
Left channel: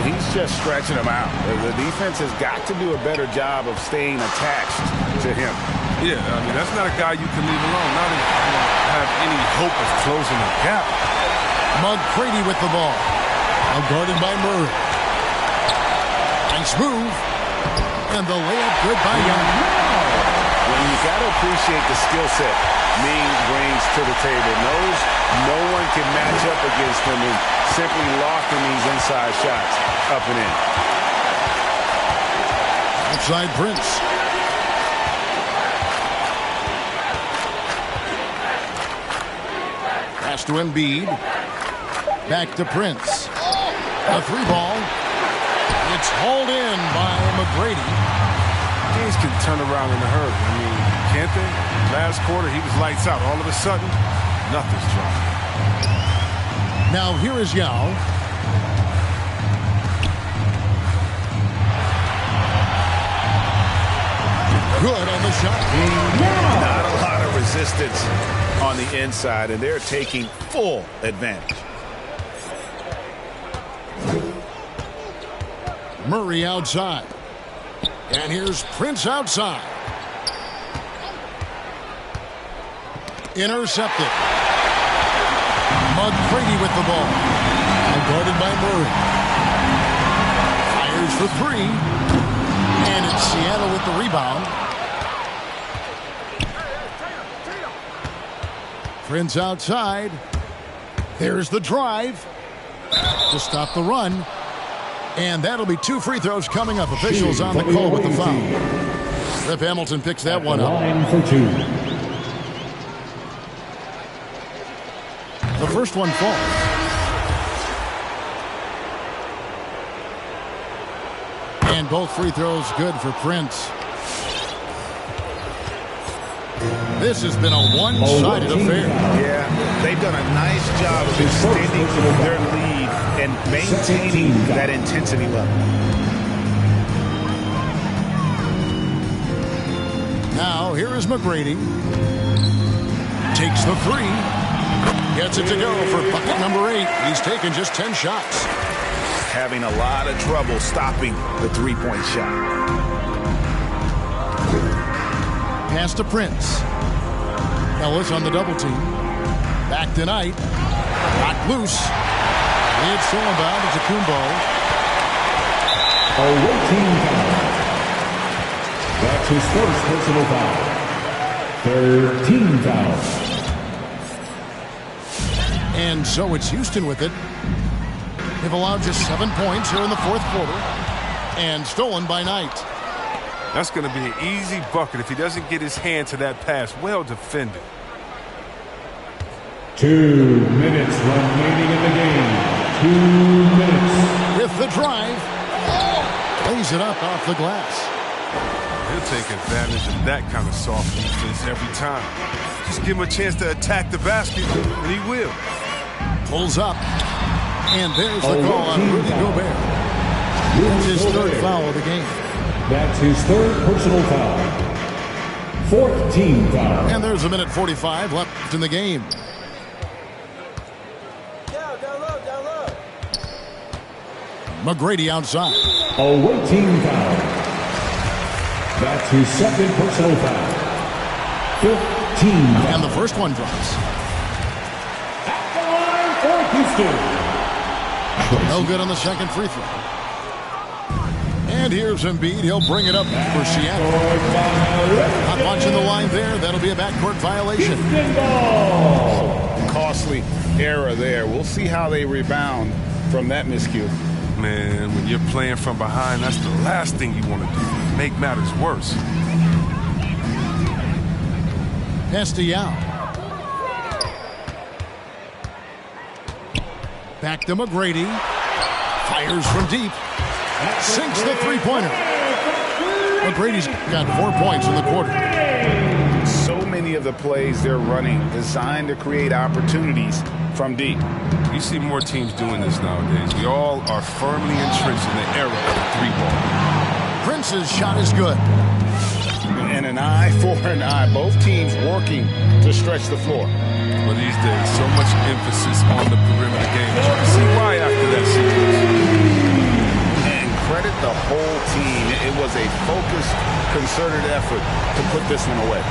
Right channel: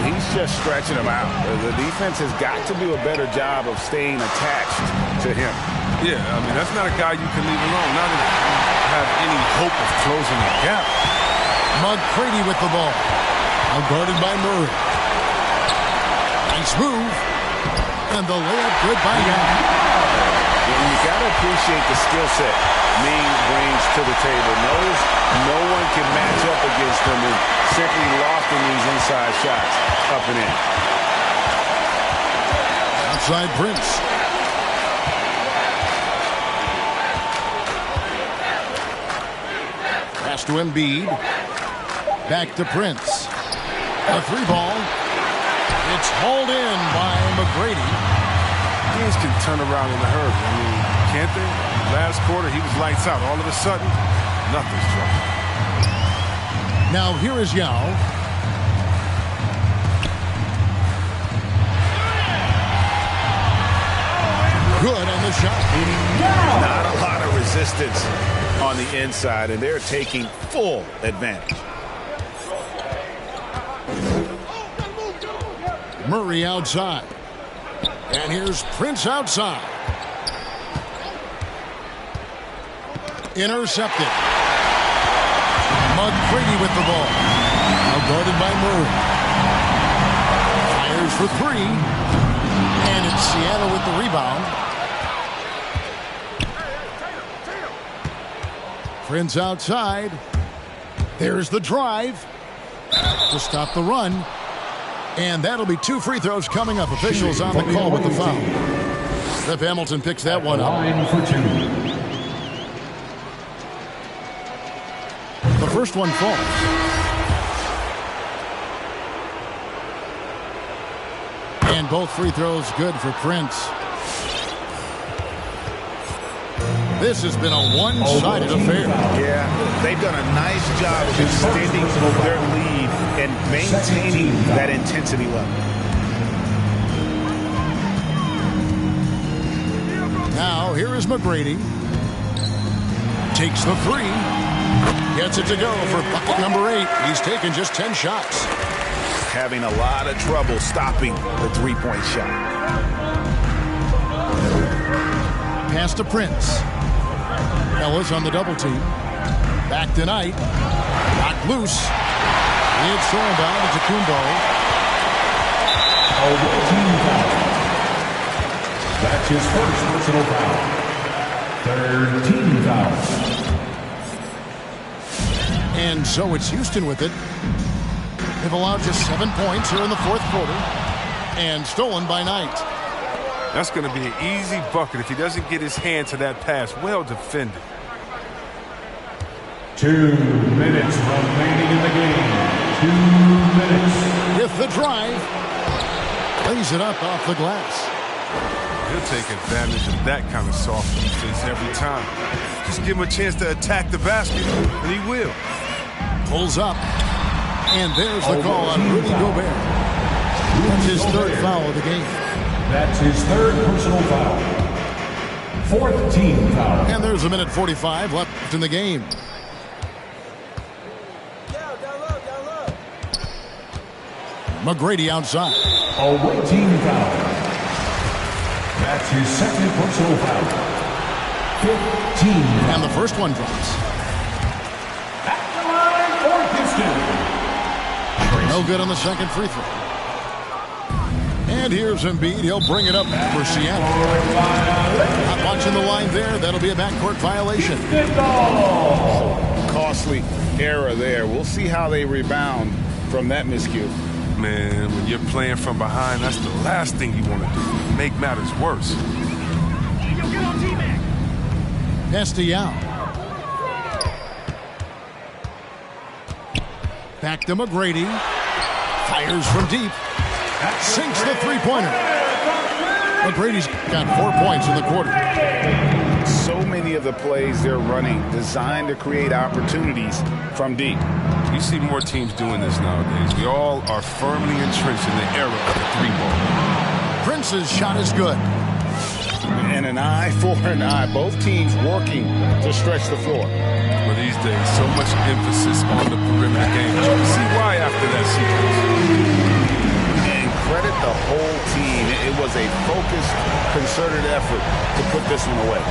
He's just stretching them out. The defense has got to do a better job of staying attached to him. Yeah, I mean, that's not a guy you can leave alone. Not if you have any hope of closing the gap. McGrady with the ball. Now guarded by Murray. Nice move. And the layup good by Young. Well, you got to appreciate the skill set Ming brings to the table. Knows no one can match up against him and simply lofting these inside shots up and in. Outside Prince. Pass to Embiid. Back to Prince. A 3 ball. It's hauled in by McGrady. Teams can turn around in a hurry. I mean, can't they? Last quarter, he was lights out. All of a sudden, nothing's dropped. Now here is Yao. Good on the shot. Not a lot of resistance on the inside, and they're taking full advantage. Murray outside. And here's Prince outside. Intercepted. McGrady with the ball. Now guarded by Murray. Fires for 3. And it's Seattle with the rebound. Prince outside. There's the drive to stop the run. And that'll be 2 free throws coming up. Officials on the call with the foul. Rip Hamilton picks that one up. Line for 2. The first one falls. And both free throws good for Prince. This has been a one-sided affair. Yeah, they've done a nice job of extending their lead and maintaining that intensity level. Now, here is McGrady. Takes the 3. Gets it to go for bucket number 8. He's taken just 10 shots. Having a lot of trouble stopping the three-point shot. Pass to Prince. Ellis on the double team. Back tonight. Knocked loose. It's thrown down to Kumbo. A team foul. That's his first personal foul. Third team foul. And so it's Houston with it. They've allowed just 7 points here in the fourth quarter and stolen by Knight. That's going to be an easy bucket if he doesn't get his hand to that pass. Well defended. 2 minutes remaining in the game. 2 minutes. With the drive. Lays it up off the glass. He'll take advantage of that kind of soft defense every time. Just give him a chance to attack the basket, and he will. Pulls up. And there's the call on Rudy Gobert. That's his third foul of the game. That's his third personal foul. Fourth team foul. And there's 1:45 left in the game. Down low. McGrady outside. Away team foul. That's his second personal foul. 15. And the first one drops. At the line for Houston. No good on the second free throw. And here's Embiid. He'll bring it up for Seattle. Not watching the line there. That'll be a backcourt violation. Costly error there. We'll see how they rebound from that miscue. Man, when you're playing from behind, that's the last thing you want to do. Make matters worse. Castellano. Back to McGrady. Fires from deep. Sinks the three-pointer. McGrady's got 4 points in the quarter. So many of the plays they're running designed to create opportunities from deep. You see more teams doing this nowadays. We all are firmly entrenched in the era of the three ball. Prince's shot is good. And an eye for an eye. Both teams working to stretch the floor. Well, these days, so much emphasis on the perimeter game. But you can see why after that sequence. And credit the whole team. It was a focused, concerted effort to put this one away.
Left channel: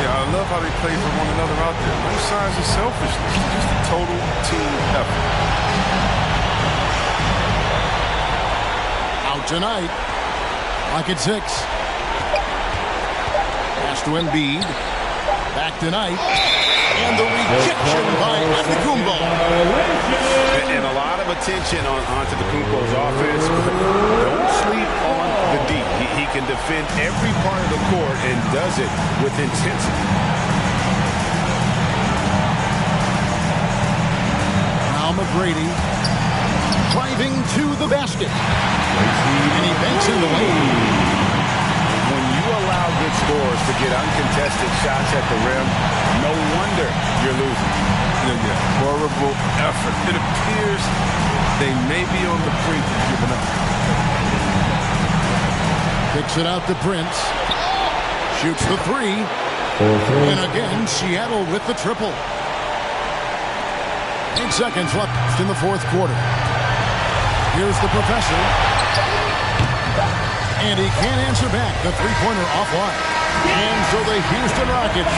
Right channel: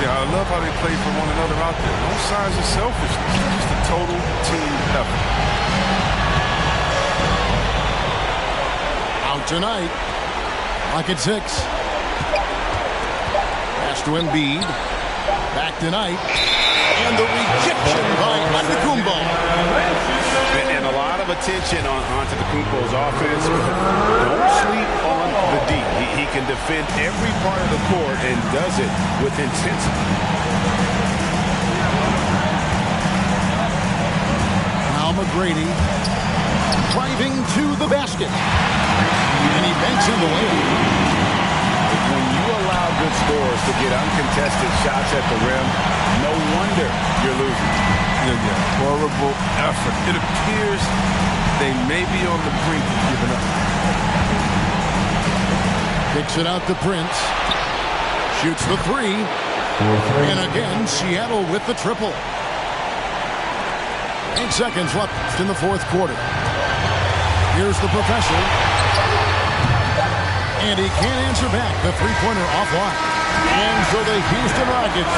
Yeah, I love how they play for one another out there. No signs of selfishness. Just a total team effort. Out tonight. Lock at 6. Pass to Embiid. Back tonight. And the rejection by Antetokounmpo. And a lot of attention on Antetokounmpo's offense, but don't sleep on the D. He can defend every part of the court and does it with intensity. Now McGrady driving to the basket. And he banks in the lane. When you allow good scorers to get uncontested shots at the rim, no wonder you're losing. Yeah. Horrible effort. It appears they may be on the brink of giving up. Kicks it out to Prince. Shoots the three. And again, Seattle with the triple. 8 seconds left in the fourth quarter. Here's the professor. And he can't answer back. The three-pointer offline. And so the Houston Rockets